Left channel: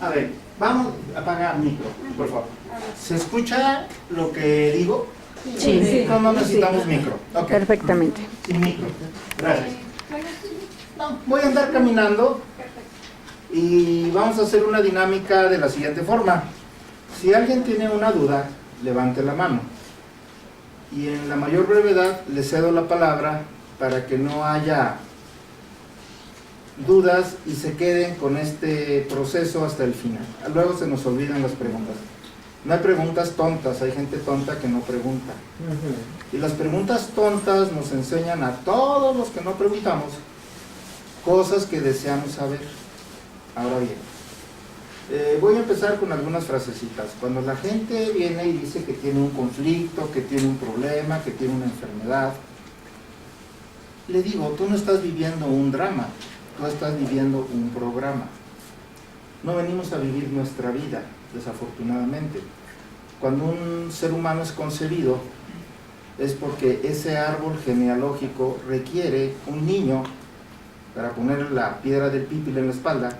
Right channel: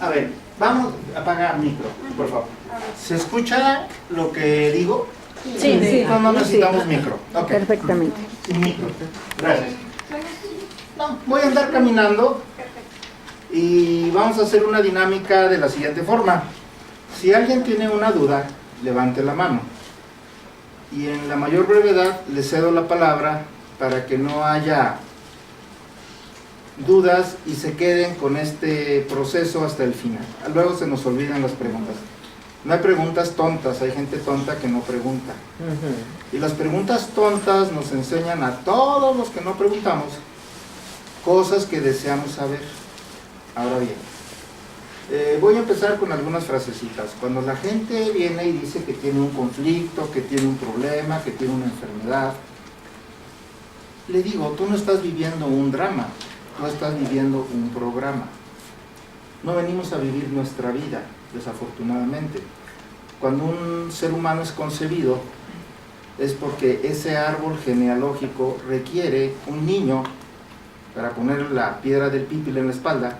A ver, vamos a apagar micro, por favor. ¿Se escucha lo que digo? Sí. No necesitamos micro. Ok. Perfectamente. Sin micro. Gracias. No, voy a andar caminando y vamos a hacer una dinámica de la siguiente forma. Si alguien tiene una duda, levante la mano. Y en la mayor brevedad le cedo la palabra para que no haya dudas y se queden con este proceso hasta el final. Luego se nos olvidan las preguntas. No hay preguntas tontas, hay gente tonta que no pregunta. Y las preguntas tontas nos enseñan a todos los que no preguntamos cosas que deseamos saber. Ahora bien, voy a empezar con algunas frasecitas. Cuando la gente viene y dice que tiene un conflicto, que tiene un problema, que tiene una enfermedad, le digo, tú no estás viviendo un drama, tú estás viviendo un programa. No venimos a vivir nuestra vida, desafortunadamente. Cuando un ser humano es concebido, es porque ese árbol genealógico requiere un niño para ponerle la piedra del pípila en la espalda,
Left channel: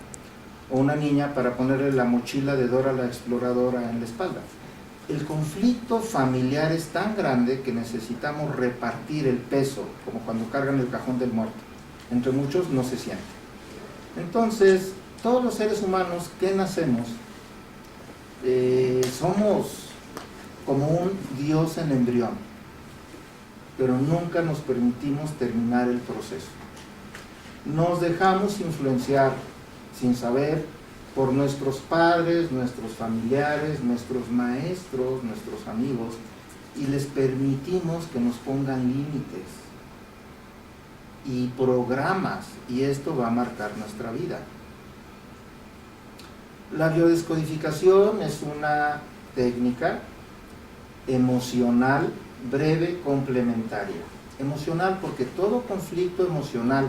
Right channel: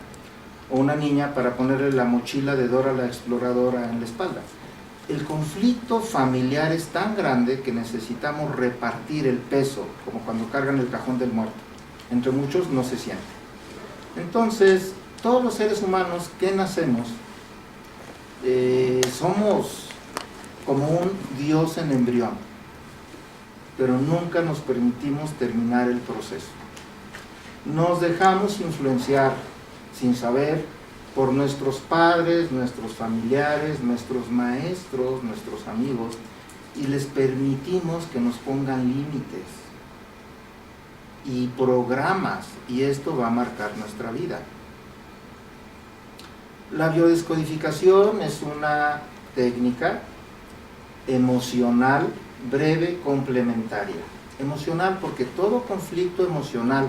o una niña para ponerle la mochila de Dora la exploradora en la espalda. El conflicto familiar es tan grande que necesitamos repartir el peso, como cuando cargan el cajón del muerto. Entre muchos no se siente. Entonces, todos los seres humanos que nacemos, somos como un Dios en embrión, pero nunca nos permitimos terminar el proceso. Nos dejamos influenciar sin saber por nuestros padres, nuestros familiares, nuestros maestros, nuestros amigos, y les permitimos que nos pongan límites y programas, y esto va a marcar nuestra vida. La biodescodificación es una técnica emocional breve complementaria. Emocional porque todo conflicto emocional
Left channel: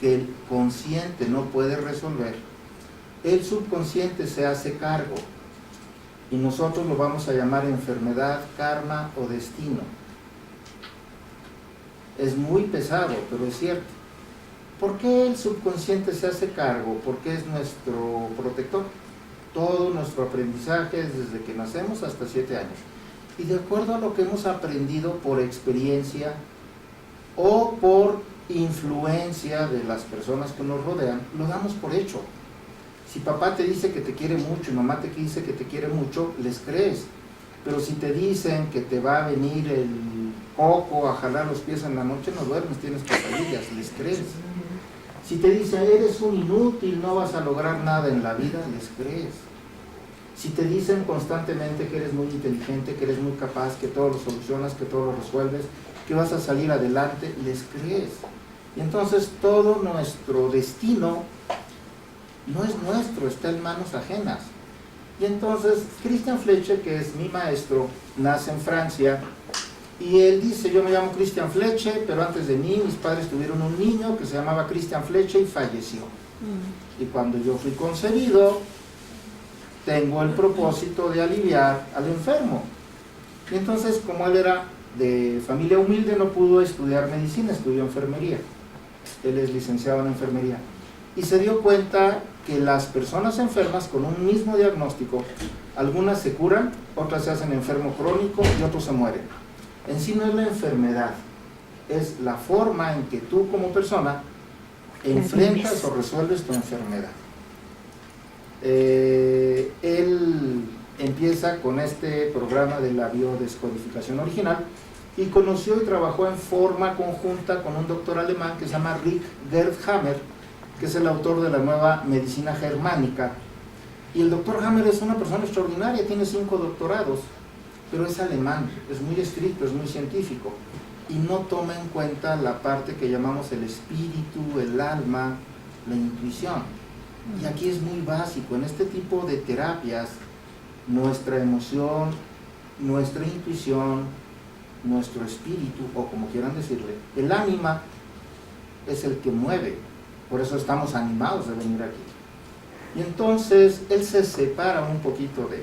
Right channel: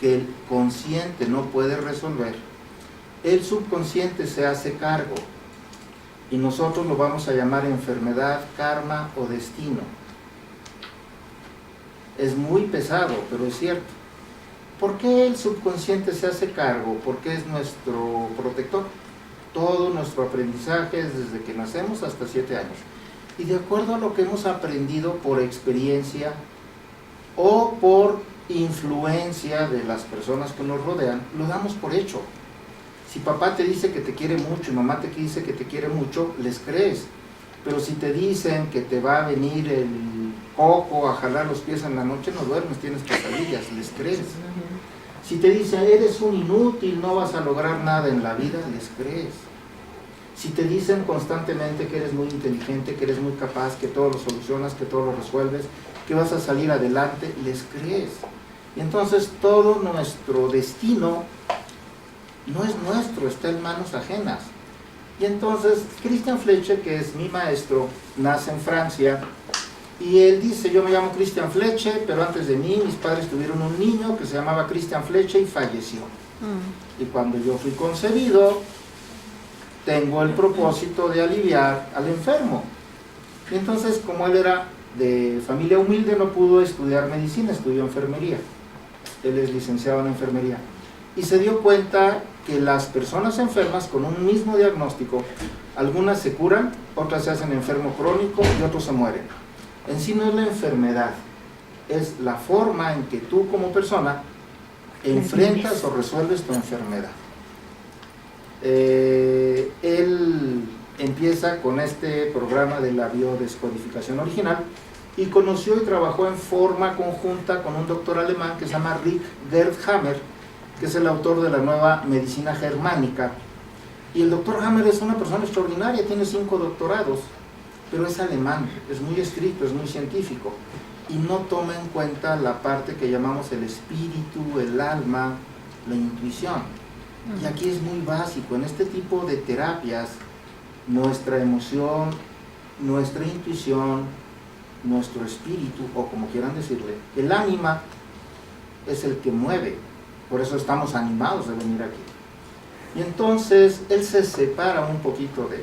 que el consciente no puede resolver, el subconsciente se hace cargo y nosotros lo vamos a llamar enfermedad, karma o destino. Es muy pesado, pero es cierto. ¿Por qué el subconsciente se hace cargo? Porque es nuestro protector. Todo nuestro aprendizaje es desde que nacemos hasta 7 años. Y de acuerdo a lo que hemos aprendido por experiencia o por influencia de las personas que nos rodean, lo damos por hecho. Si papá te dice que te quiere mucho y mamá te dice que te quiere mucho, les crees. Pero si te dicen que te va a venir el coco a jalar los pies en la noche, no duermes, tienes pesadillas, les crees. Si te dicen eres un inútil, no vas a lograr nada en la vida, les crees. Si te dicen constantemente que eres muy inteligente, que eres muy capaz, que todo lo solucionas, que todo lo resuelves, que vas a salir adelante, les crees. Y entonces todo nuestro destino no es nuestro, está en manos ajenas. Y entonces Christian Fleche, que es mi maestro, nace en Francia, y él dice, yo me llamo Christian Fleche, pero antes de mí mis padres tuvieron un niño que se llamaba Christian Fleche y falleció. Y cuando yo fui concebido, tengo el propósito de aliviar al enfermo. Y entonces, como él era de familia humilde, no pudo estudiar medicina, estudió enfermería. Él es licenciado en enfermería. Y se dio cuenta que las personas enfermas con un mismo diagnóstico, algunas se curan, otras se hacen enfermo crónico y otros se mueren. En sí no es la enfermedad, es la forma en que tú como persona enfrentas o resuelves tu enfermedad. Él empieza con este programa de la biodescodificación original y conoció y trabajó en forma conjunta con un doctor alemán que se llama Rick Gerd Hammer, que es el autor de la nueva medicina germánica. Y el doctor Hammer es una persona extraordinaria, tiene 5 doctorados, pero es alemán, es muy estricto, es muy científico, y no toma en cuenta la parte que llamamos el espíritu, el alma, la intuición. Y aquí es muy básico, en este tipo de terapias, nuestra emoción, nuestra intuición, nuestro espíritu, o como quieran decirle, el ánima es el que mueve, por eso estamos animados de venir aquí. Y entonces él se separa un poquito de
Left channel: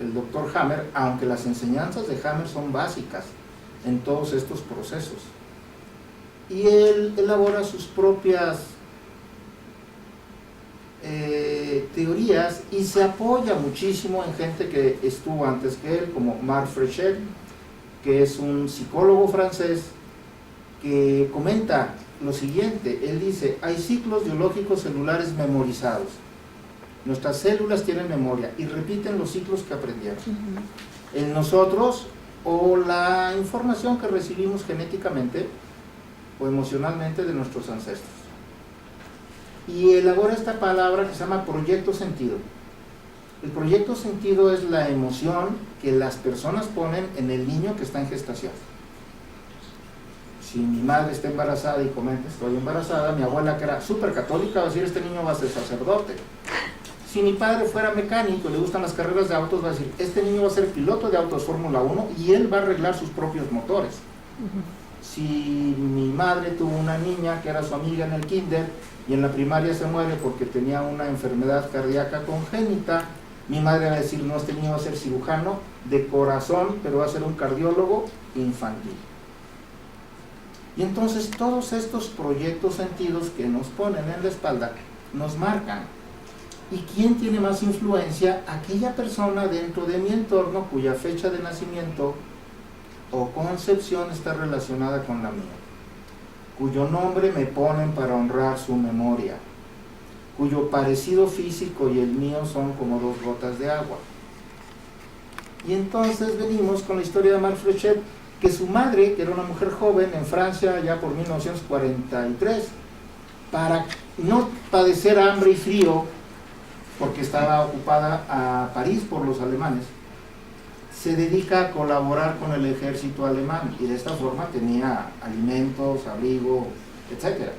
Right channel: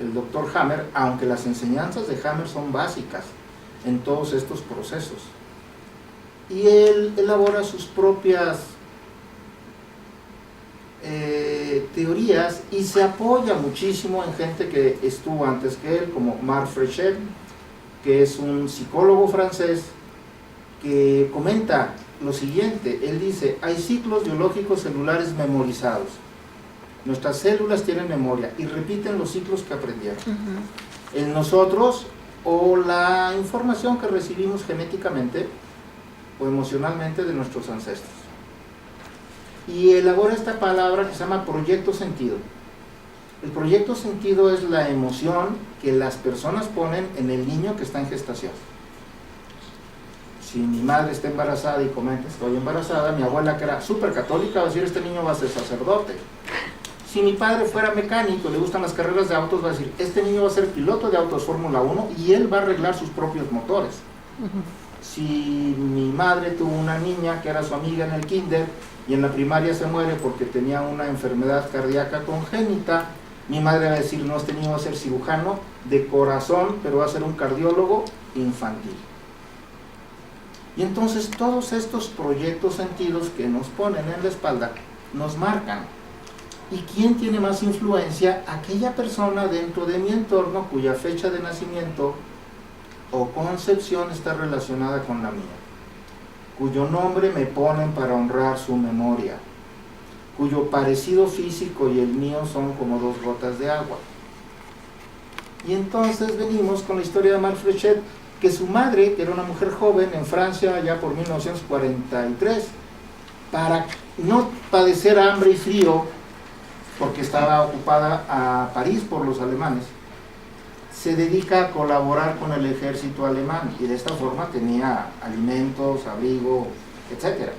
el doctor Hammer, aunque las enseñanzas de Hammer son básicas en todos estos procesos. Y él elabora sus propias teorías y se apoya muchísimo en gente que estuvo antes que él, como Marc Frechet, que es un psicólogo francés, que comenta lo siguiente. Él dice: hay ciclos biológicos celulares memorizados. Nuestras células tienen memoria y repiten los ciclos que aprendieron. En nosotros, o la información que recibimos genéticamente o emocionalmente de nuestros ancestros. Y elabora esta palabra que se llama proyecto sentido. El proyecto sentido es la emoción que las personas ponen en el niño que está en gestación. Si mi madre está embarazada y comenta estoy embarazada, mi abuela, que era súper católica, va a decir este niño va a ser sacerdote. Si mi padre fuera mecánico y le gustan las carreras de autos, va a decir este niño va a ser piloto de autos Fórmula 1 y él va a arreglar sus propios motores. Si mi madre tuvo una niña que era su amiga en el kinder y en la primaria se muere porque tenía una enfermedad cardíaca congénita, mi madre va a decir no, este niño va a ser cirujano de corazón, pero va a ser un cardiólogo infantil. Y entonces todos estos proyectos sentidos que nos ponen en la espalda nos marcan. ¿Y quién tiene más influencia? Aquella persona dentro de mi entorno cuya fecha de nacimiento o concepción está relacionada con la mía, cuyo nombre me ponen para honrar su memoria, cuyo parecido físico y el mío son como dos gotas de agua. Y entonces venimos con la historia de Marc Frechet, que su madre, que era una mujer joven en Francia ya por 1943, para no padecer hambre y frío, porque estaba ocupada a París por los alemanes, se dedica a colaborar con el ejército alemán y de esta forma tenía alimentos, abrigo, etc.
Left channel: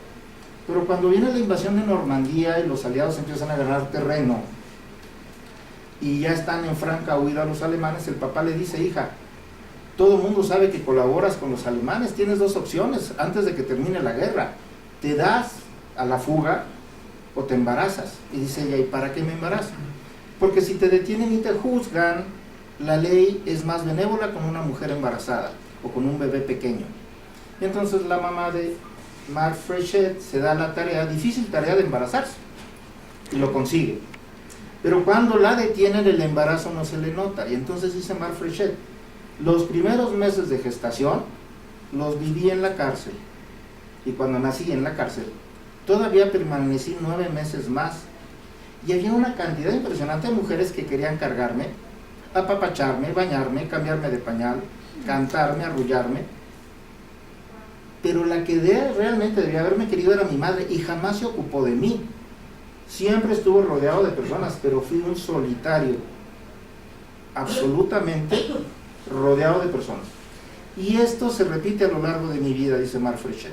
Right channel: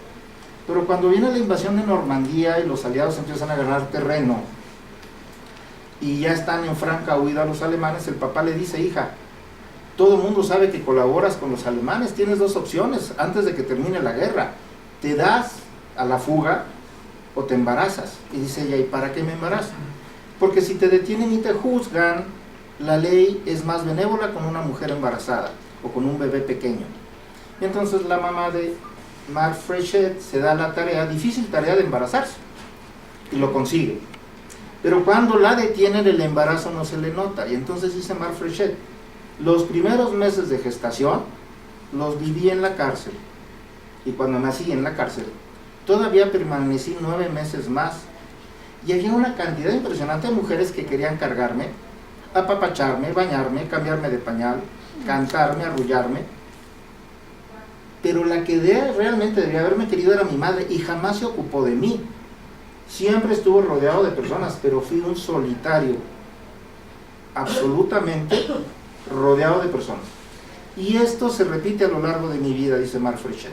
Pero cuando viene la invasión de Normandía y los aliados empiezan a ganar terreno y ya están en franca huida los alemanes, el papá le dice: hija, todo el mundo sabe que colaboras con los alemanes, tienes dos opciones antes de que termine la guerra: te das a la fuga o te embarazas. Y dice ella: ¿y para qué me embarazo? Porque si te detienen y te juzgan, la ley es más benévola con una mujer embarazada o con un bebé pequeño. Y entonces la mamá de Marc Frechet se da la tarea, difícil tarea, de embarazarse, y lo consigue. Pero cuando la detienen, el embarazo no se le nota. Y entonces dice Marc Frechet: los primeros meses de gestación los viví en la cárcel, y cuando nací en la cárcel todavía permanecí 9 meses más, y había una cantidad impresionante de mujeres que querían cargarme, apapacharme, bañarme, cambiarme de pañal, cantarme, arrullarme, pero la que realmente debía haberme querido era mi madre, y jamás se ocupó de mí. Siempre estuvo rodeado de personas, pero fui un solitario, absolutamente rodeado de personas. Y esto se repite a lo largo de mi vida, dice Marc Frechet.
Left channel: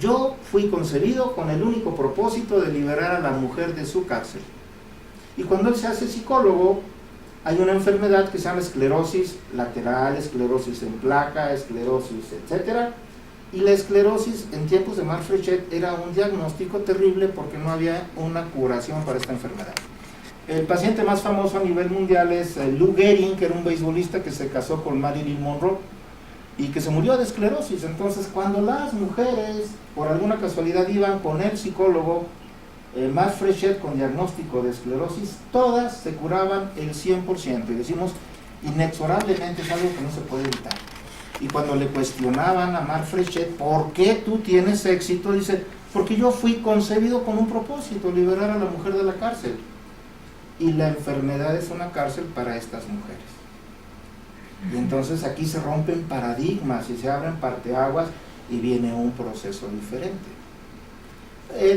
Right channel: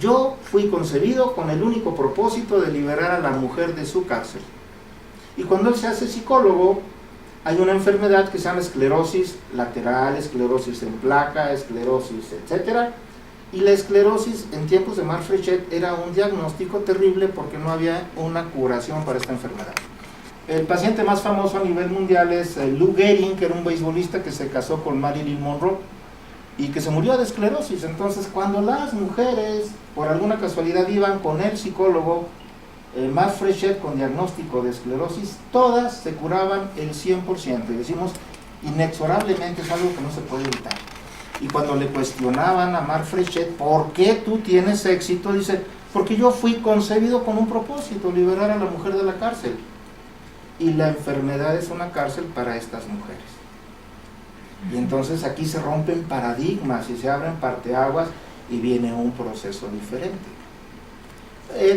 Yo fui concebido con el único propósito de liberar a la mujer de su cárcel. Y cuando él se hace psicólogo, hay una enfermedad que se llama esclerosis lateral, esclerosis en placa, esclerosis, etc. Y la esclerosis en tiempos de Marc Frechet era un diagnóstico terrible porque no había una curación para esta enfermedad. El paciente más famoso a nivel mundial es Lou Gehrig, que era un beisbolista que se casó con Marilyn Monroe y que se murió de esclerosis. Entonces, cuando las mujeres por alguna casualidad iban con el psicólogo Marc Frechet con diagnóstico de esclerosis, todas se curaban el 100%, y decimos inexorablemente, es algo que no se puede evitar. Y cuando le cuestionaban a Marc Frechet: ¿por qué tú tienes éxito? Dice: porque yo fui concebido con un propósito, liberar a la mujer de la cárcel, y la enfermedad es una cárcel para estas mujeres. Y entonces aquí se rompen paradigmas y se abren parteaguas y viene un proceso diferente.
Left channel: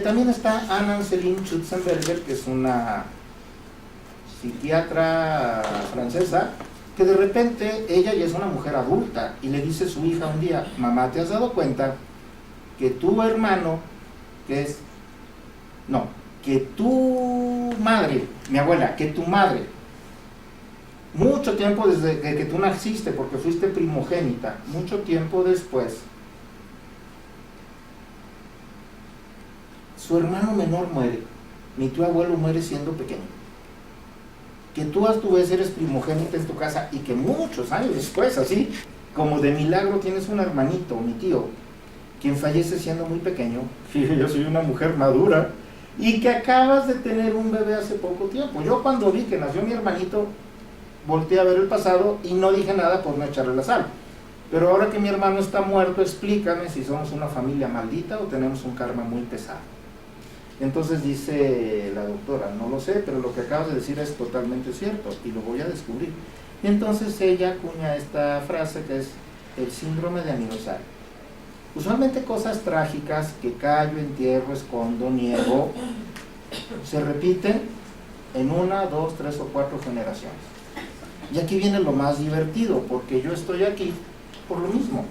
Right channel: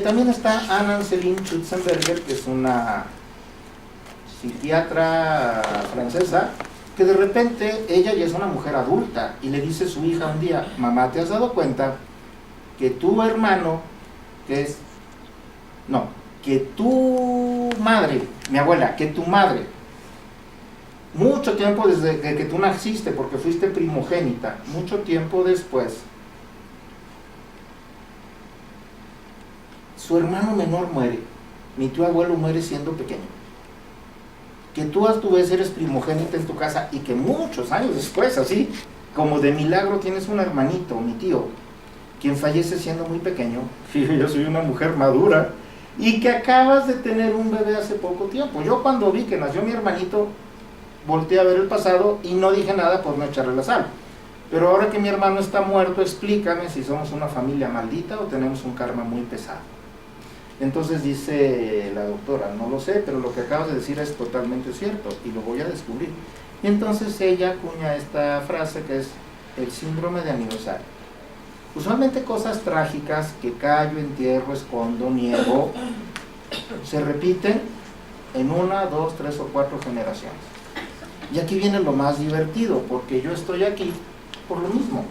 También está Anne-Céline Schutzenberger, que es una psiquiatra francesa, que de repente ella ya es una mujer adulta y le dice a su hija un día: mamá, ¿te has dado cuenta que tu hermano, que tu madre, mi abuela, que tu madre, mucho tiempo desde que tú naciste, porque fuiste primogénita, mucho tiempo después, su hermano menor muere, mi tío abuelo muere siendo pequeño, que tú a tu vez eres primogénita en tu casa y que muchos años después, así como de milagro, tienes un hermanito, mi tío, quien fallece siendo muy pequeño? Yo soy una mujer madura y que acabas de tener un bebé hace poco tiempo. Yo cuando vi que nació mi hermanito, volteé a ver el pasado y no dije nada por no echarle la sal. Pero ahora que mi hermano está muerto, explícame si somos una familia maldita o tenemos un karma muy pesado. Entonces dice la doctora, no lo sé, pero lo que acabas de decir es totalmente cierto y lo voy a descubrir. Entonces ella acuña esta frase que es el síndrome de aniversario. Usualmente cosas trágicas que callo, entierro, escondo, niego, se repiten en 1, 2, 3 o 4 generaciones. Y aquí viene lo más divertido, porque yo estoy aquí por lo mismo.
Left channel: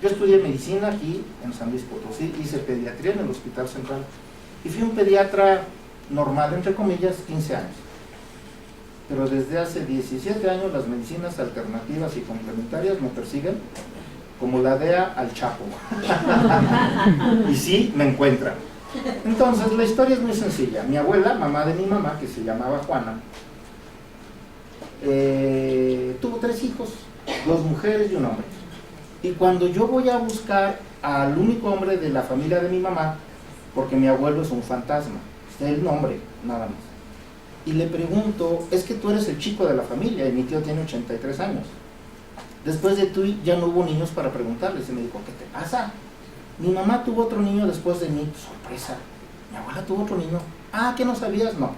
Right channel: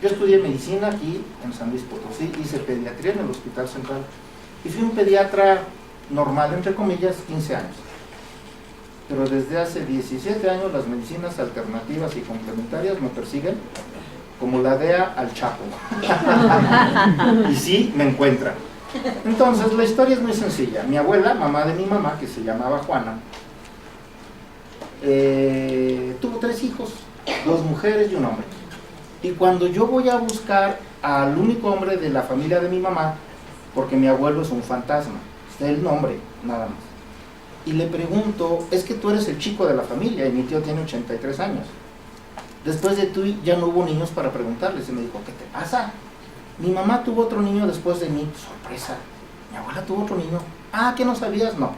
Yo estudié medicina aquí en San Luis Potosí, hice pediatría en el Hospital Central y fui un pediatra normal, entre comillas, 15 años. Pero desde hace 17 años las medicinas alternativas y complementarias me persiguen como la DEA al Chapo. Y sí, me encuentran. Entonces la historia es muy sencilla. Mi abuela, mamá de mi mamá, que se llamaba Juana, tuvo 3 hijos, 2 mujeres y un hombre. Y cuando yo voy a buscar al único hombre de la familia de mi mamá, porque mi abuelo es un fantasma, es el nombre, nada más, y le pregunto, es que tú eres el chico de la familia y mi tío tiene 83 años. Después de tú ya no hubo niños para preguntarles, y me dijo, ¿qué te pasa? Mi mamá tuvo otro niño después de mí. Sorpresa, mi abuela tuvo otro niño. Ah, ¿qué no sabías? No.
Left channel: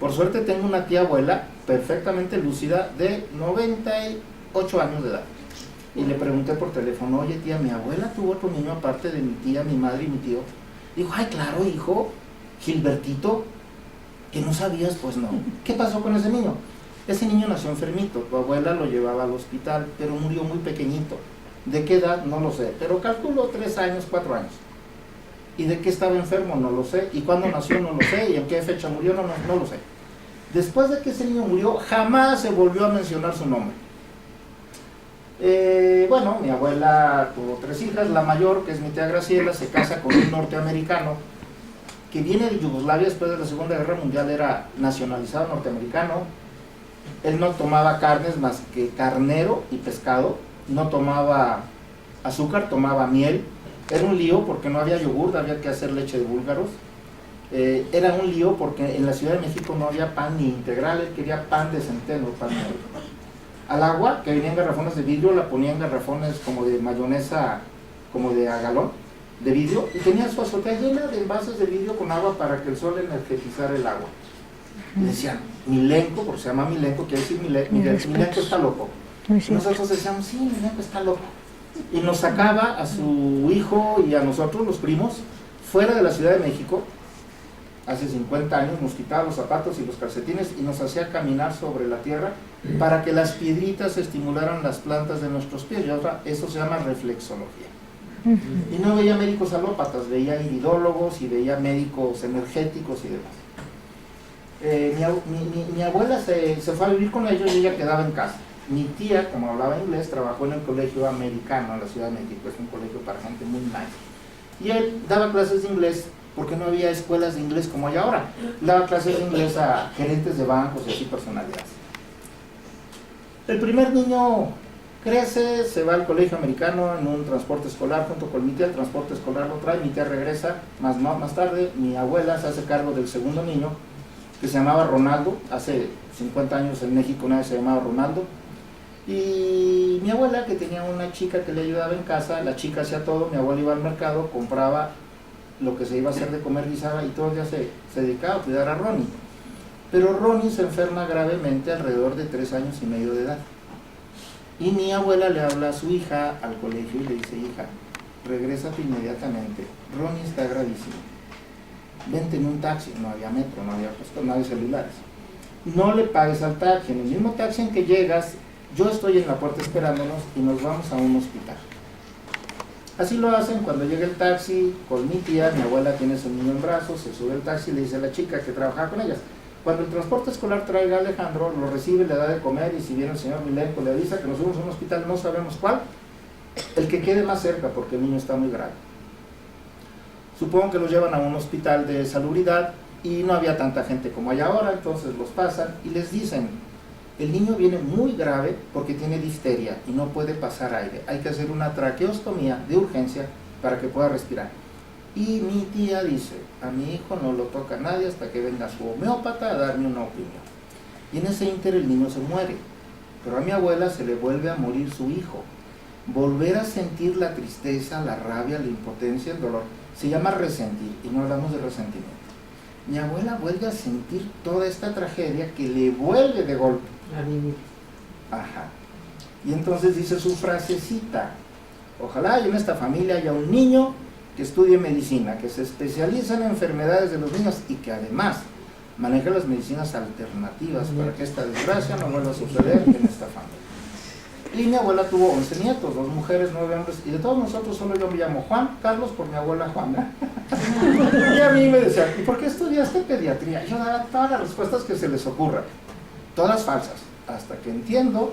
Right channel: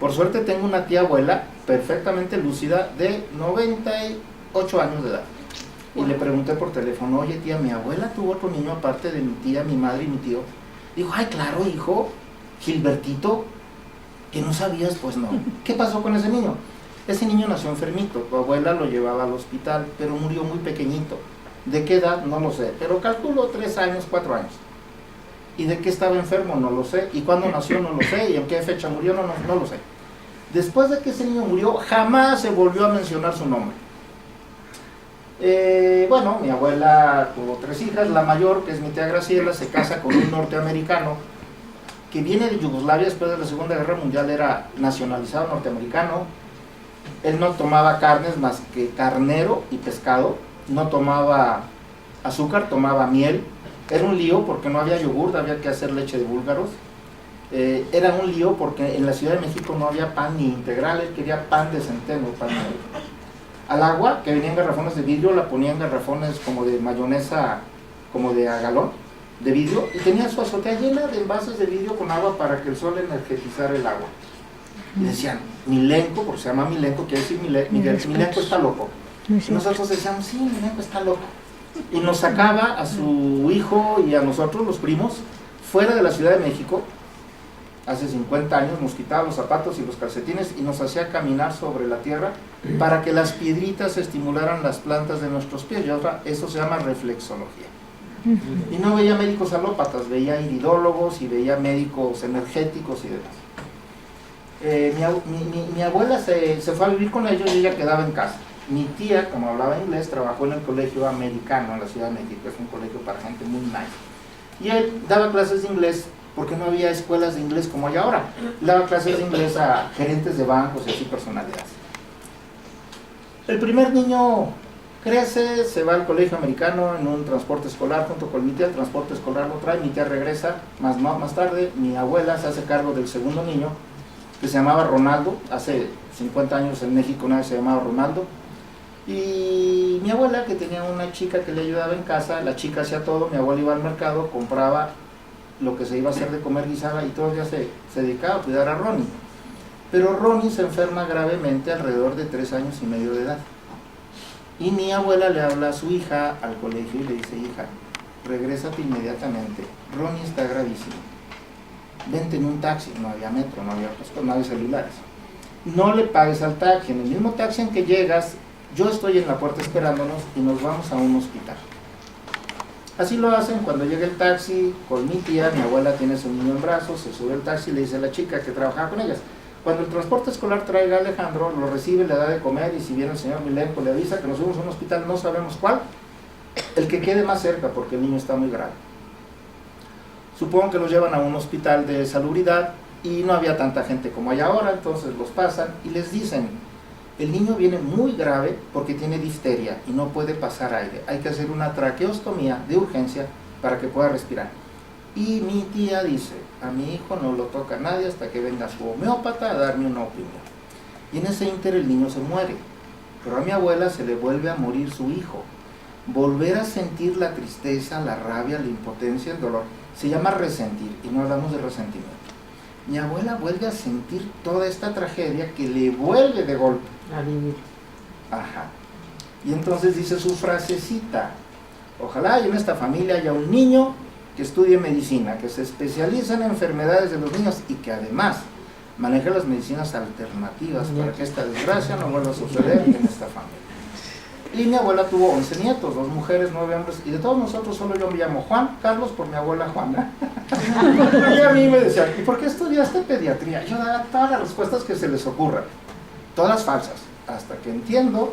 Por suerte tengo una tía abuela perfectamente lúcida de 98 años de edad. Y le pregunté por teléfono, oye tía, mi abuela tuvo otro niño aparte de mi tía, mi madre y mi tío. Dijo, ay claro hijo, Gilbertito, que no sabías, pues no. ¿Qué pasó con ese niño? Ese niño nació enfermito, tu abuela lo llevaba al hospital, pero murió muy pequeñito. ¿De qué edad? No lo sé, pero calculo 3 años, 4 años. ¿Y de qué estaba enfermo? No lo sé. ¿Y cuándo nació? No lo sé. ¿Y en qué fecha murió? No lo sé. Después de que ese niño murió, jamás se volvió a mencionar su nombre. Bueno, mi abuela tuvo 3 hijas, la mayor, que es mi tía Graciela, se casa con un norteamericano que viene de Yugoslavia después de la Segunda Guerra Mundial, era nacionalizado norteamericano. Él no tomaba carnes más que carnero y pescado, no tomaba azúcar, tomaba miel. Era un lío porque no había yogur, había que hacer leche de búlgaros. Era un lío porque en la Ciudad de México no había pan ni integral, él quería pan de centeno, pan negro. Al agua, que venía en garrafones de vidrio, la ponía en garrafones como de mayonesa, como de a galón, de vidrio, y tenía su azotea llena de envases de vidrio con agua para que el sol energetizara el agua. Y decían, Milenko, porque se llama Milenko, quiere decir Milenko está loco. Y nosotros decíamos, sí, Milenko está loco. Y nos sacaba a su hijo y a nosotros, los primos, fuera de la Ciudad de México, hace 50 años, nos quitaba los zapatos y los calcetines y nos hacía caminar sobre la tierra para que las piedritas estimularan las plantas de nuestros pies. Y ahora eso se llama reflexología. Y no veía médicos alópatas, veía iridólogos y veía médicos energéticos y demás. Mi abuela se fue a vivir con ellos y ella quedaba en casa. Mi tía, como hablaba inglés, trabajó en el colegio americano en la Ciudad de México, es un colegio para gente muy nice. Y él daba clases de inglés porque no había escuelas de inglés como hay ahora. Daba clases de inglés a gerentes de bancos y así personalidades. El primer niño crece, se va al colegio americano en un transporte escolar junto con mi tía, el transporte escolar lo trae, mi tía regresa, más tarde mi abuela se hace cargo del segundo niño, que se llamaba Ronaldo. Hace 50 años en México nadie se llamaba Ronaldo. Y mi abuela, que tenía una chica que le ayudaba en casa, la chica hacía todo, mi abuela iba al mercado, compraba lo que se iba a hacer de comer, guisaba, y todo el día se dedicaba a cuidar a Ronnie. Pero Ronnie se enferma gravemente alrededor de 3 años y medio de edad. Y mi abuela le habla a su hija al colegio y le dice, hija, regrésate inmediatamente, Ronnie está gravísimo. Vente en un taxi, no había metro, no había celulares. No le pagues al taxi, en el mismo taxi en que llegas, yo estoy en la puerta esperándonos y nos vamos a un hospital. Así lo hacen. Cuando llega el taxi con mi tía, mi abuela tiene a su niño en brazos, se sube el taxi y le dice a la chica que trabajaba con ellas, cuando el transporte escolar traiga a Alejandro, lo recibe, le da de comer y si viene el señor Milenko le avisa que nos fuimos a un hospital, no sabemos cuál, el que quede más cerca porque el niño está muy grave. Supongo que los llevan a un hospital de salubridad y no había tanta gente como hay ahora, entonces los pasan y les dicen, el niño viene muy grave porque tiene difteria y no puede pasar aire, hay que hacer una traqueostomía de urgencia para que pueda respirar. Y mi tía dice, a mi hijo no lo toca nadie hasta que venga su homeópata a darme una opinión. Y en ese ínter el niño se muere, pero a mi abuela se le vuelve a morir su hijo. Volver a sentir la tristeza, la rabia, la impotencia, el dolor, se llama resentir, y no hablamos de resentimiento. Mi abuela vuelve a sentir toda esta tragedia que le vuelve de golpe a vivir. Ajá. Y entonces dice su frasecita: ojalá y en esta familia haya un niño que estudie medicina, que se especialice en enfermedades de los niños y que además maneje las medicinas alternativas para que esta desgracia no vuelva a suceder en esta familia. Y mi abuela tuvo 11 nietos, 2 mujeres, 9 hombres, y de todos nosotros solo yo me llamo Juan Carlos por mi abuela Juana. Y a mí me decían, ¿y por qué estudiaste pediatría? Yo daba todas las respuestas que se les ocurran, todas falsas, hasta que entiendo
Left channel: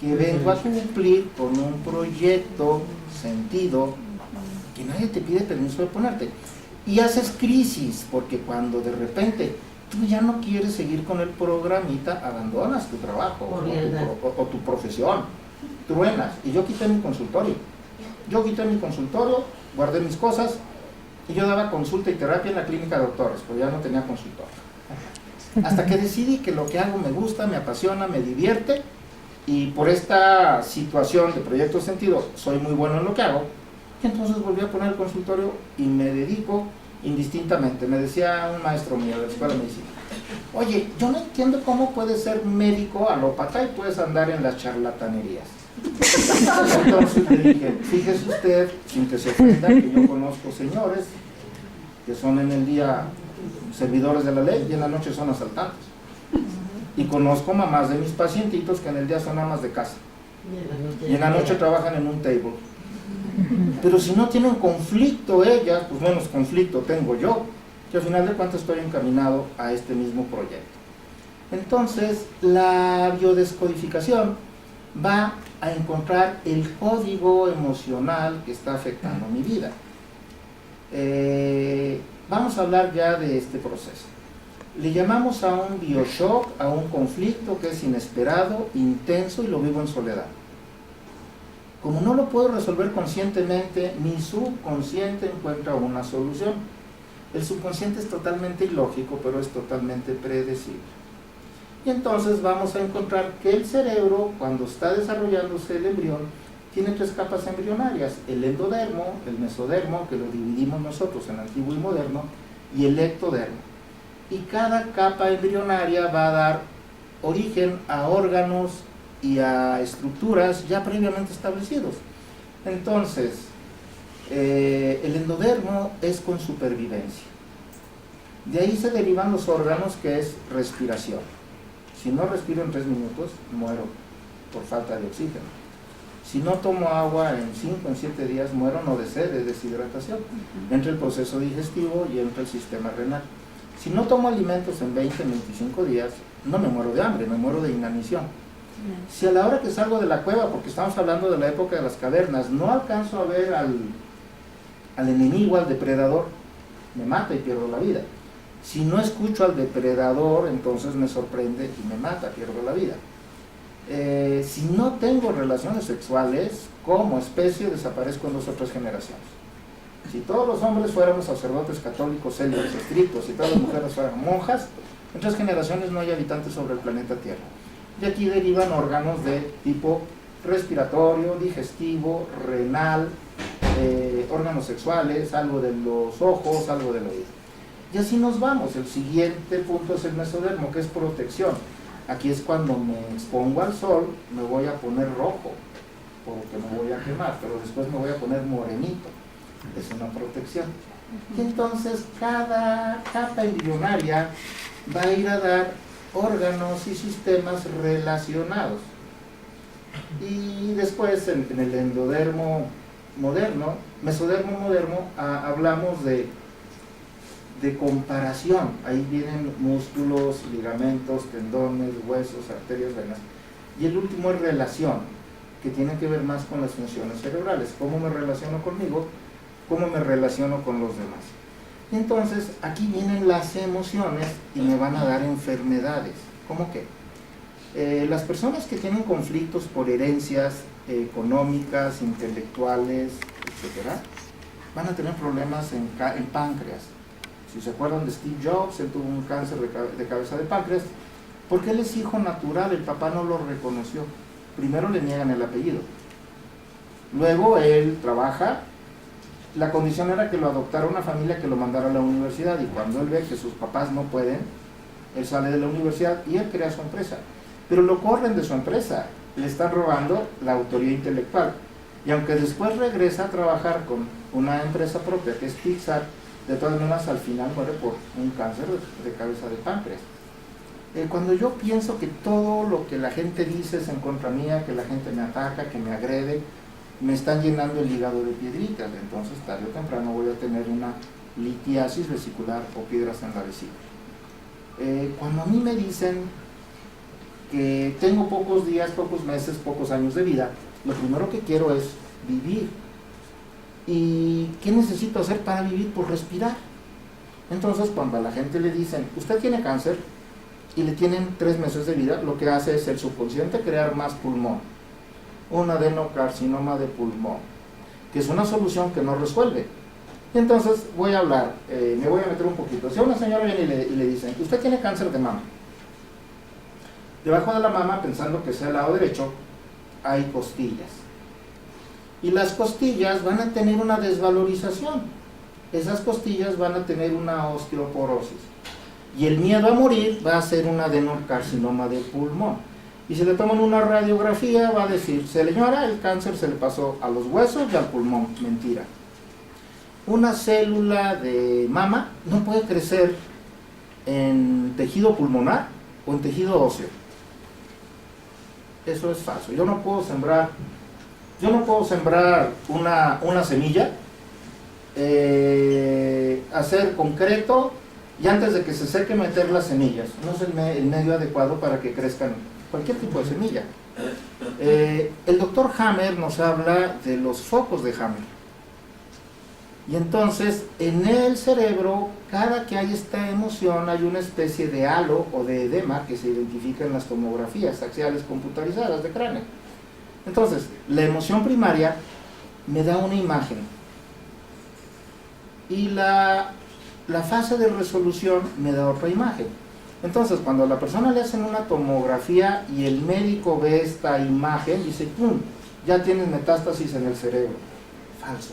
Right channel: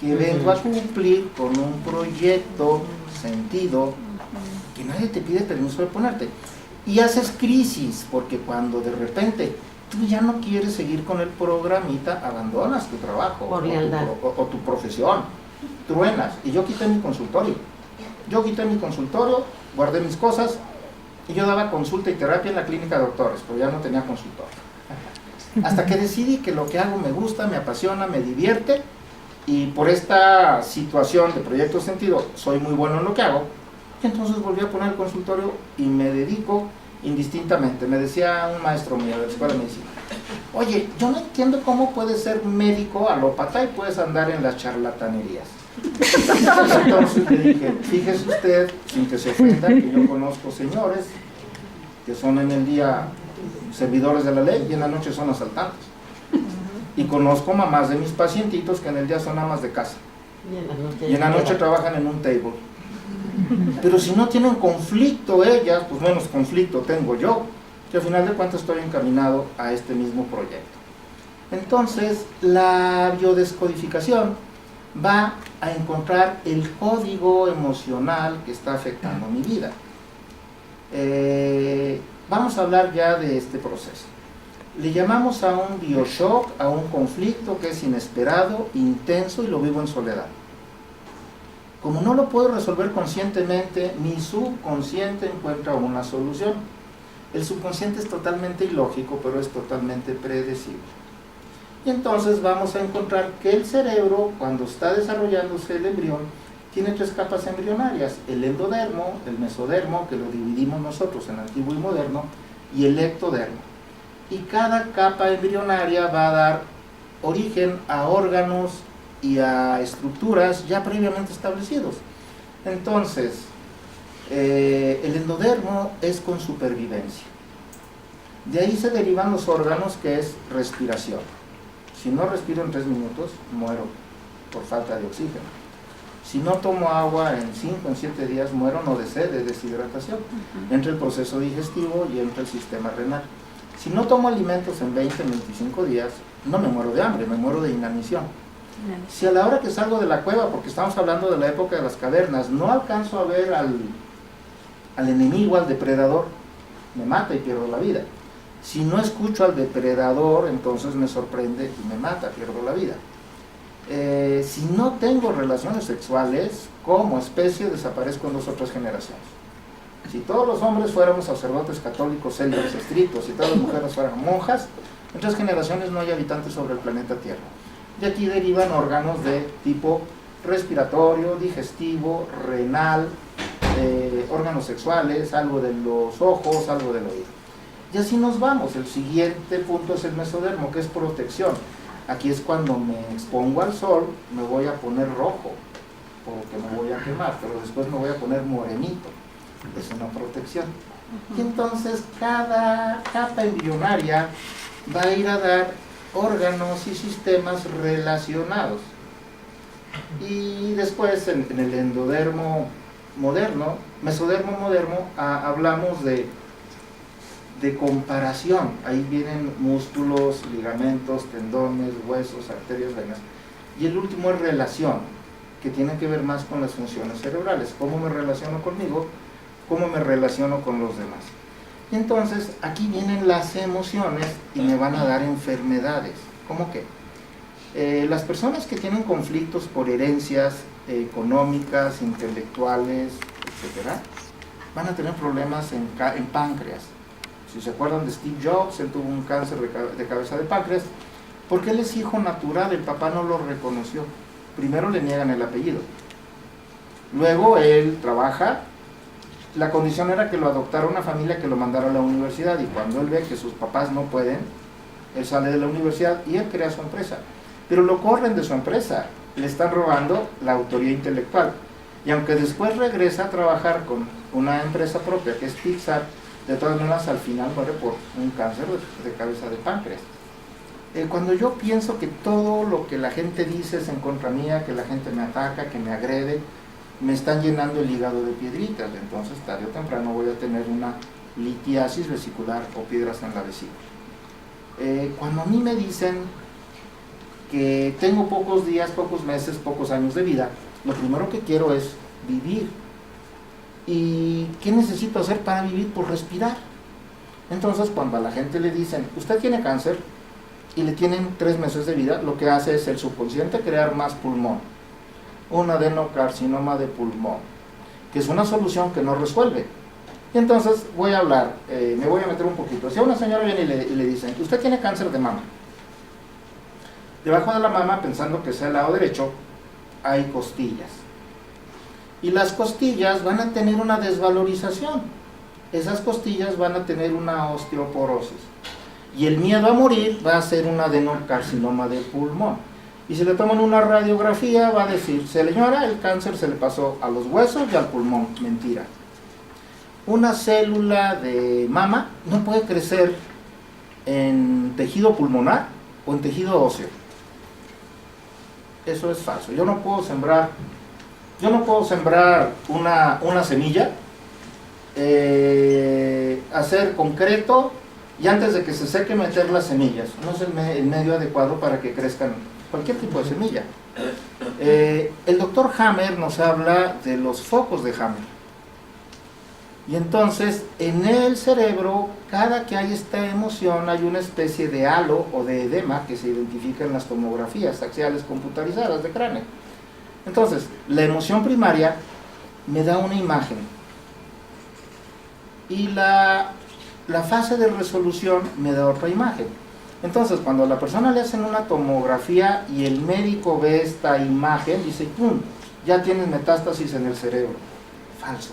que vengo a cumplir con un proyecto sentido que nadie te pide permiso de ponerte. Y haces crisis, porque cuando de repente tú ya no quieres seguir con el programita, abandonas tu trabajo o tu profesión, truenas. Y yo quité mi consultorio, guardé mis cosas y yo daba consulta y terapia en la clínica de doctores, pero ya no tenía consultorio. Hasta que decidí que lo que hago me gusta, me apasiona, me divierte, y por esta situación de proyecto sentido soy muy bueno en lo que hago. Y entonces volví a poner el consultorio y me dedico indistintamente. Me decía un maestro mío de la escuela de medicina: oye, yo no entiendo cómo puedes ser médico alópata y puedes andar en las charlatanerías. Entonces le dije, fíjese usted, sin que se ofenda, que yo conozco señores que son en el día servidores de la ley y en la noche son asaltantes. Y conozco mamás de mis pacientitos que en el día son amas de casa y en la noche trabajan en un table. Pero si no tienen conflicto ellas, pues menos conflicto tengo yo, que al final de cuentas estoy encaminado a este mismo proyecto. Entonces, la biodescodificación va a encontrar el código emocional que está afectando mi vida. Vamos a hablar ya de este proceso. Le llamamos a un bioshock, a un conflicto que es inesperado, intenso y lo vivo en soledad. Como no lo puedo resolver conscientemente, mi subconsciente encuentra una solución. El subconsciente es totalmente ilógico, pero es totalmente predecible. Y entonces vamos a encontrar que el cerebro, cuando está desarrollándose el embrión, tiene 3 capas embrionarias: el endodermo, el mesodermo, que lo dividimos nosotros en antiguo y moderno, y el ectodermo. Y cada capa embrionaria va a dar origen a órganos y a estructuras ya previamente establecidos. Entonces, el endodermo es con supervivencia. De ahí se derivan los órganos, que es respiración. Si no respiro en 3 minutos, muero por falta de oxígeno. Si no tomo agua en 5, en 7 días, muero no de sed, de deshidratación. Entra el proceso digestivo y entra el sistema renal. Si no tomo alimentos en 20, 25 días, no me muero de hambre, me muero de inanición. Si a la hora que salgo de la cueva, porque estamos hablando de la época de las cavernas, no alcanzo a ver al enemigo, al depredador, me mata y pierdo la vida. Si no escucho al depredador, entonces me sorprende y me mata, pierdo la vida. Si no tengo relaciones sexuales, como especie desaparezco en 2 o 3 generaciones. Si todos los hombres fuéramos sacerdotes católicos célibes estrictos y todas las mujeres fueran monjas, en 3 generaciones no hay habitantes sobre el planeta Tierra. Y aquí derivan órganos de tipo respiratorio, digestivo, renal, órganos sexuales, algo de los ojos, algo del oído. Y así nos vamos. El siguiente punto es el mesodermo, que es protección. Aquí es cuando me expongo al sol, me voy a poner rojo, porque me voy a quemar, pero después me voy a poner morenito. Es una protección. Y entonces cada capa embrionaria va a ir a dar órganos y sistemas relacionados. Y después en el endodermo moderno, mesodermo moderno, hablamos de comparación. Ahí vienen músculos, ligamentos, tendones, huesos, arterias, venas. Y el último es relación, que tiene que ver más con las funciones cerebrales. ¿Cómo me relaciono conmigo? ¿Cómo me relaciono con los demás? Y entonces aquí vienen las emociones y me van a dar enfermedades. ¿Cómo qué? Las personas que tienen conflictos por herencias económicas, intelectuales, etc., van a tener problemas en páncreas. Si se acuerdan de Steve Jobs, él tuvo un cáncer de cabeza de páncreas, porque él es hijo natural, el papá no lo reconoció. Primero le niegan el apellido. Luego él trabaja, la condición era que lo adoptara una familia que lo mandara a la universidad, y cuando él ve que sus papás no pueden, él sale de la universidad y él crea su empresa. Pero lo corren de su empresa, le están robando la autoría intelectual. Y aunque después regresa a trabajar con una empresa propia que es Pixar, de todas maneras al final muere por un cáncer de cabeza de páncreas. Cuando yo pienso que todo lo que la gente dice es en contra mía, que la gente me ataca, que me agrede, me están llenando el hígado de piedritas, entonces tarde o temprano voy a tener una litiasis vesicular o piedras en la vesícula. Cuando a mí me dicen que tengo pocos días, pocos meses, pocos años de vida, lo primero que quiero es vivir. ¿Y qué necesito hacer para vivir? Pues respirar. Entonces cuando a la gente le dicen, usted tiene cáncer y le tienen 3 meses de vida, lo que hace es el subconsciente crear más pulmón, un adenocarcinoma de pulmón, que es una solución que no resuelve. Y entonces voy a hablar, me voy a meter un poquito. Si a una señora viene y le dicen, usted tiene cáncer de mama, debajo de la mama, pensando que sea el lado derecho, hay costillas. Y las costillas van a tener una desvalorización. Esas costillas van a tener una osteoporosis. Y el miedo a morir va a ser un adenocarcinoma de pulmón. Y si le toman una radiografía, va a decir, señora, el cáncer se le pasó a los huesos y al pulmón. Mentira. Una célula de mama no puede crecer en tejido pulmonar o en tejido óseo. Eso es falso. Yo no puedo sembrar una semilla, hacer concreto y antes de que se seque meter las semillas. No es el medio adecuado para que crezcan cualquier tipo de semilla. El doctor Hammer nos habla de los focos de Hammer. Y entonces en el cerebro, cada que hay esta emoción, hay una especie de halo o de edema que se identifica en las tomografías axiales computarizadas de cráneo. Entonces, la emoción primaria me da una imagen y la fase de resolución me da otra imagen. Entonces, cuando a la persona le hacen una tomografía y el médico ve esta imagen, dice, ¡pum!, ya tienes metástasis en el cerebro. Falso.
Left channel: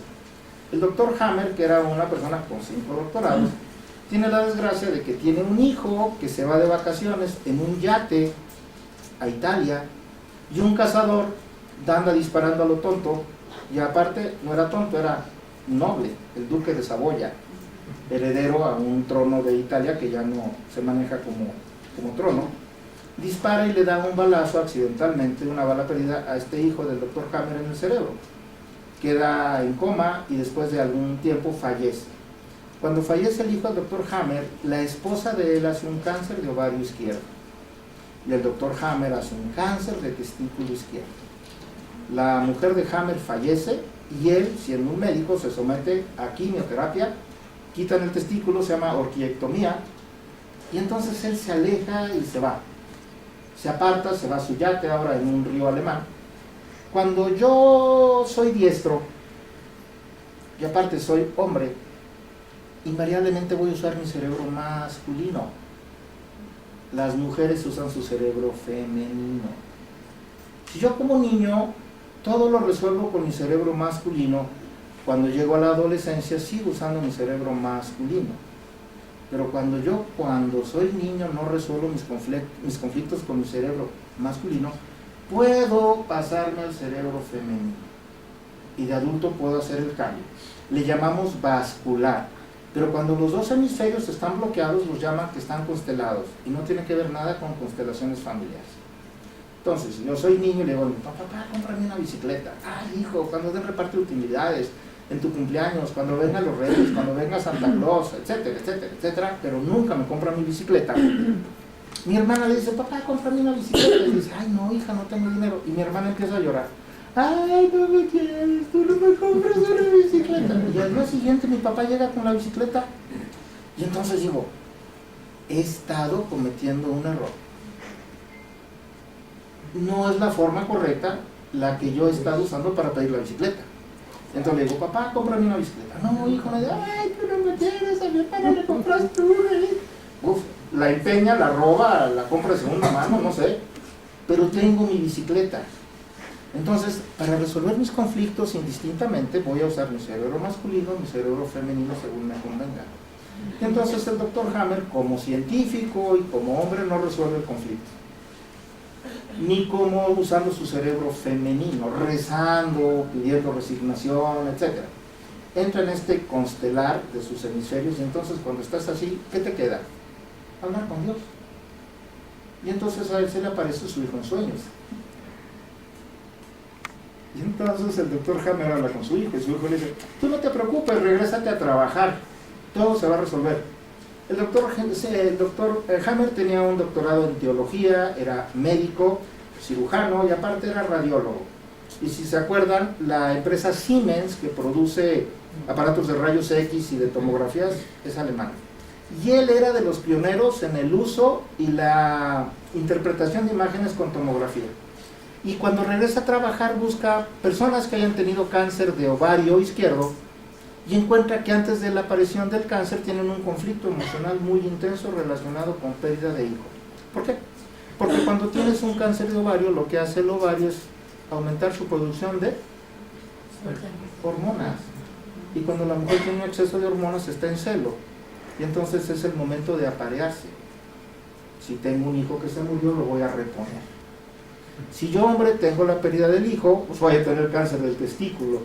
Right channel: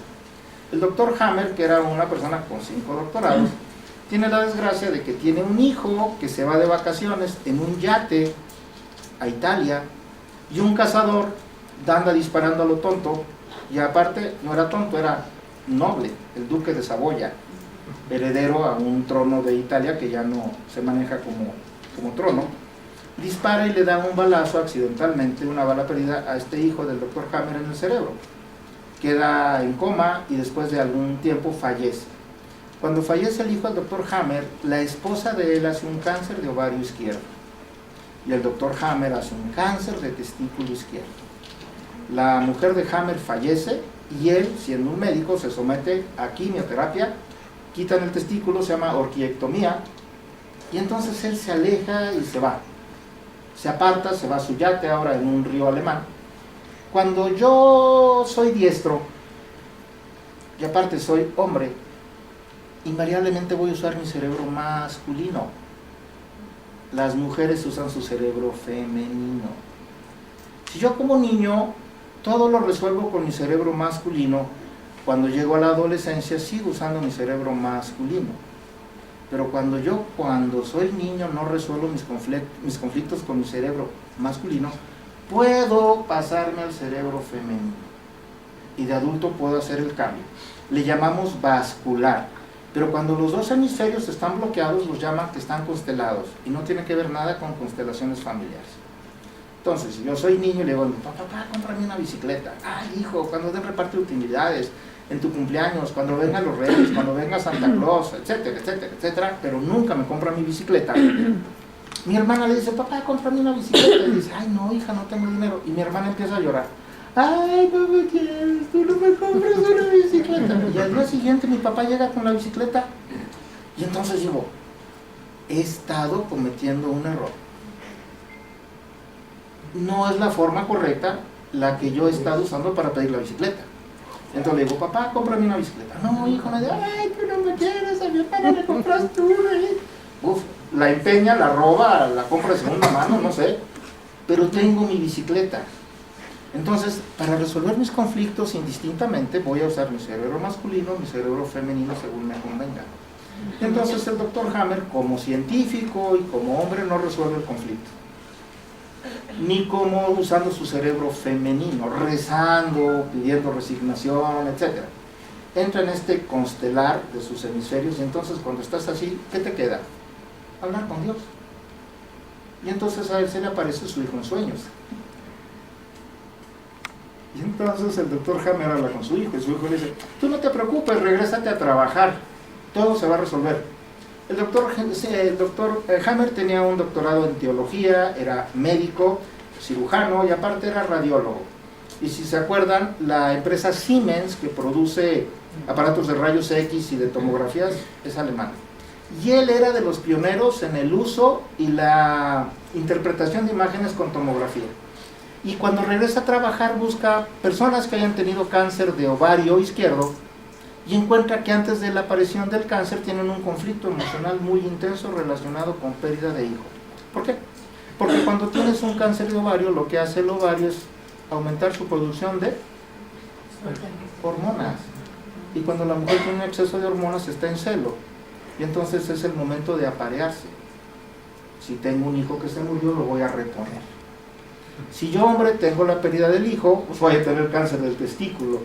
El doctor Hammer, que era una persona con 5 doctorados, tiene la desgracia de que tiene un hijo que se va de vacaciones en un yate a Italia y un cazador anda disparando a lo tonto, y aparte no era tonto, era noble, el duque de Saboya, heredero a un trono de Italia que ya no se maneja como trono. Dispara y le da un balazo accidentalmente, una bala perdida, a este hijo del doctor Hammer en el cerebro. Queda en coma y después de algún tiempo fallece. Cuando fallece el hijo del doctor Hammer, la esposa de él hace un cáncer de ovario izquierdo y el doctor Hammer hace un cáncer de testículo izquierdo. La mujer de Hammer fallece y él, siendo un médico, se somete a quimioterapia, quitan el testículo, se llama orquiectomía, y entonces él se aleja y se va. Se aparta, se va a su yate ahora en un río alemán. Cuando yo soy diestro, y aparte soy hombre, invariablemente voy a usar mi cerebro masculino. Las mujeres usan su cerebro femenino. Si yo como niño todo lo resuelvo con mi cerebro masculino, cuando llego a la adolescencia sigo usando mi cerebro masculino. Pero cuando soy niño no resuelvo mis conflictos con mi cerebro masculino, puedo pasarme al cerebro femenino. Y de adulto puedo hacer el cambio. Le llamamos vascular. Pero cuando los dos hemisferios están bloqueados, los llaman que están constelados. Y no tiene que ver nada con constelaciones familiares. Entonces, si yo soy niño y le digo, papá, cómprame una bicicleta. Ay, hijo, cuando den reparto de utilidades, en tu cumpleaños, cuando vengan los Reyes, cuando venga Santa Claus, etcétera, etcétera, etcétera, pero nunca me compra mi bicicleta. Mi hermana le dice, papá, cómprame una bicicleta. Y dice, ay, no, hija, no tengo dinero. Y mi hermana empieza a llorar. Ay, no me quieres, tú no me compras una bicicleta. Y al día siguiente mi papá llega con la bicicleta. Y entonces digo, he estado cometiendo un error. No es la forma correcta la que yo he estado usando para pedir la bicicleta. Entonces le digo, papá, cómprame una bicicleta. No, hijo, me dice, ay, tú no me quieres, a mi hermana le compraste una. Uf, la empeña, la roba, la compra de segunda mano, no sé, pero tengo mi bicicleta. Entonces, para resolver mis conflictos indistintamente, voy a usar mi cerebro masculino, mi cerebro femenino, según me convenga. Y entonces el doctor Hammer, como científico y como hombre, no resuelve el conflicto. Ni como usando su cerebro femenino, rezando, pidiendo resignación, etc. Entra en este constelar de sus hemisferios y entonces cuando estás así, ¿qué te queda? Hablar con Dios. Y entonces a él se le aparece su hijo en sueños. Y entonces el doctor Hammer habla con su hijo y su hijo le dice, tú no te preocupes, regrésate a trabajar, todo se va a resolver. El doctor Hammer tenía un doctorado en teología, era médico, cirujano y aparte era radiólogo. Y si se acuerdan, la empresa Siemens, que produce aparatos de rayos X y de tomografías, es alemana. Y él era de los pioneros en el uso y la interpretación de imágenes con tomografía. Y cuando regresa a trabajar busca personas que hayan tenido cáncer de ovario izquierdo y encuentra que antes de la aparición del cáncer tienen un conflicto emocional muy intenso relacionado con pérdida de hijo. ¿Por qué? Porque cuando tienes un cáncer de ovario, lo que hace el ovario es aumentar su producción de hormonas. Y cuando la mujer tiene un exceso de hormonas está en celo. Y entonces es el momento de aparearse. Si tengo un hijo que se murió, lo voy a reponer. Si yo, hombre, tengo la pérdida del hijo, pues voy a tener cáncer del testículo,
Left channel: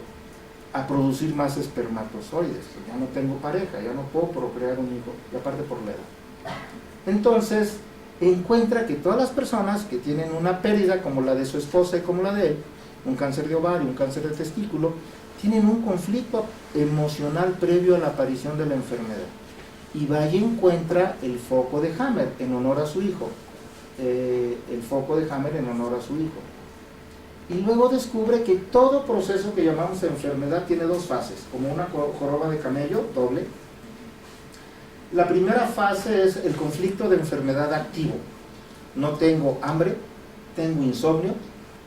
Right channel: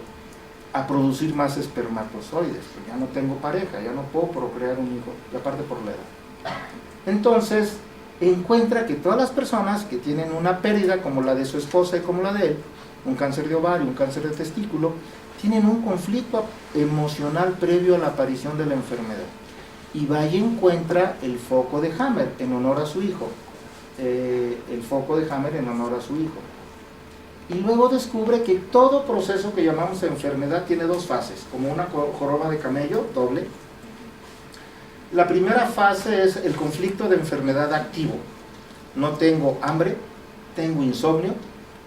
a producir más espermatozoides. Pues ya no tengo pareja, ya no puedo procrear un hijo, y aparte por la edad. Entonces, encuentra que todas las personas que tienen una pérdida como la de su esposa y como la de él, un cáncer de ovario, un cáncer de testículo, tienen un conflicto emocional previo a la aparición de la enfermedad. Y va y encuentra el foco de Hammer en honor a su hijo. El foco de Hammer en honor a su hijo. Y luego descubre que todo proceso que llamamos enfermedad tiene dos fases, como una joroba de camello, doble. La primera fase es el conflicto de enfermedad activo. No tengo hambre, tengo insomnio,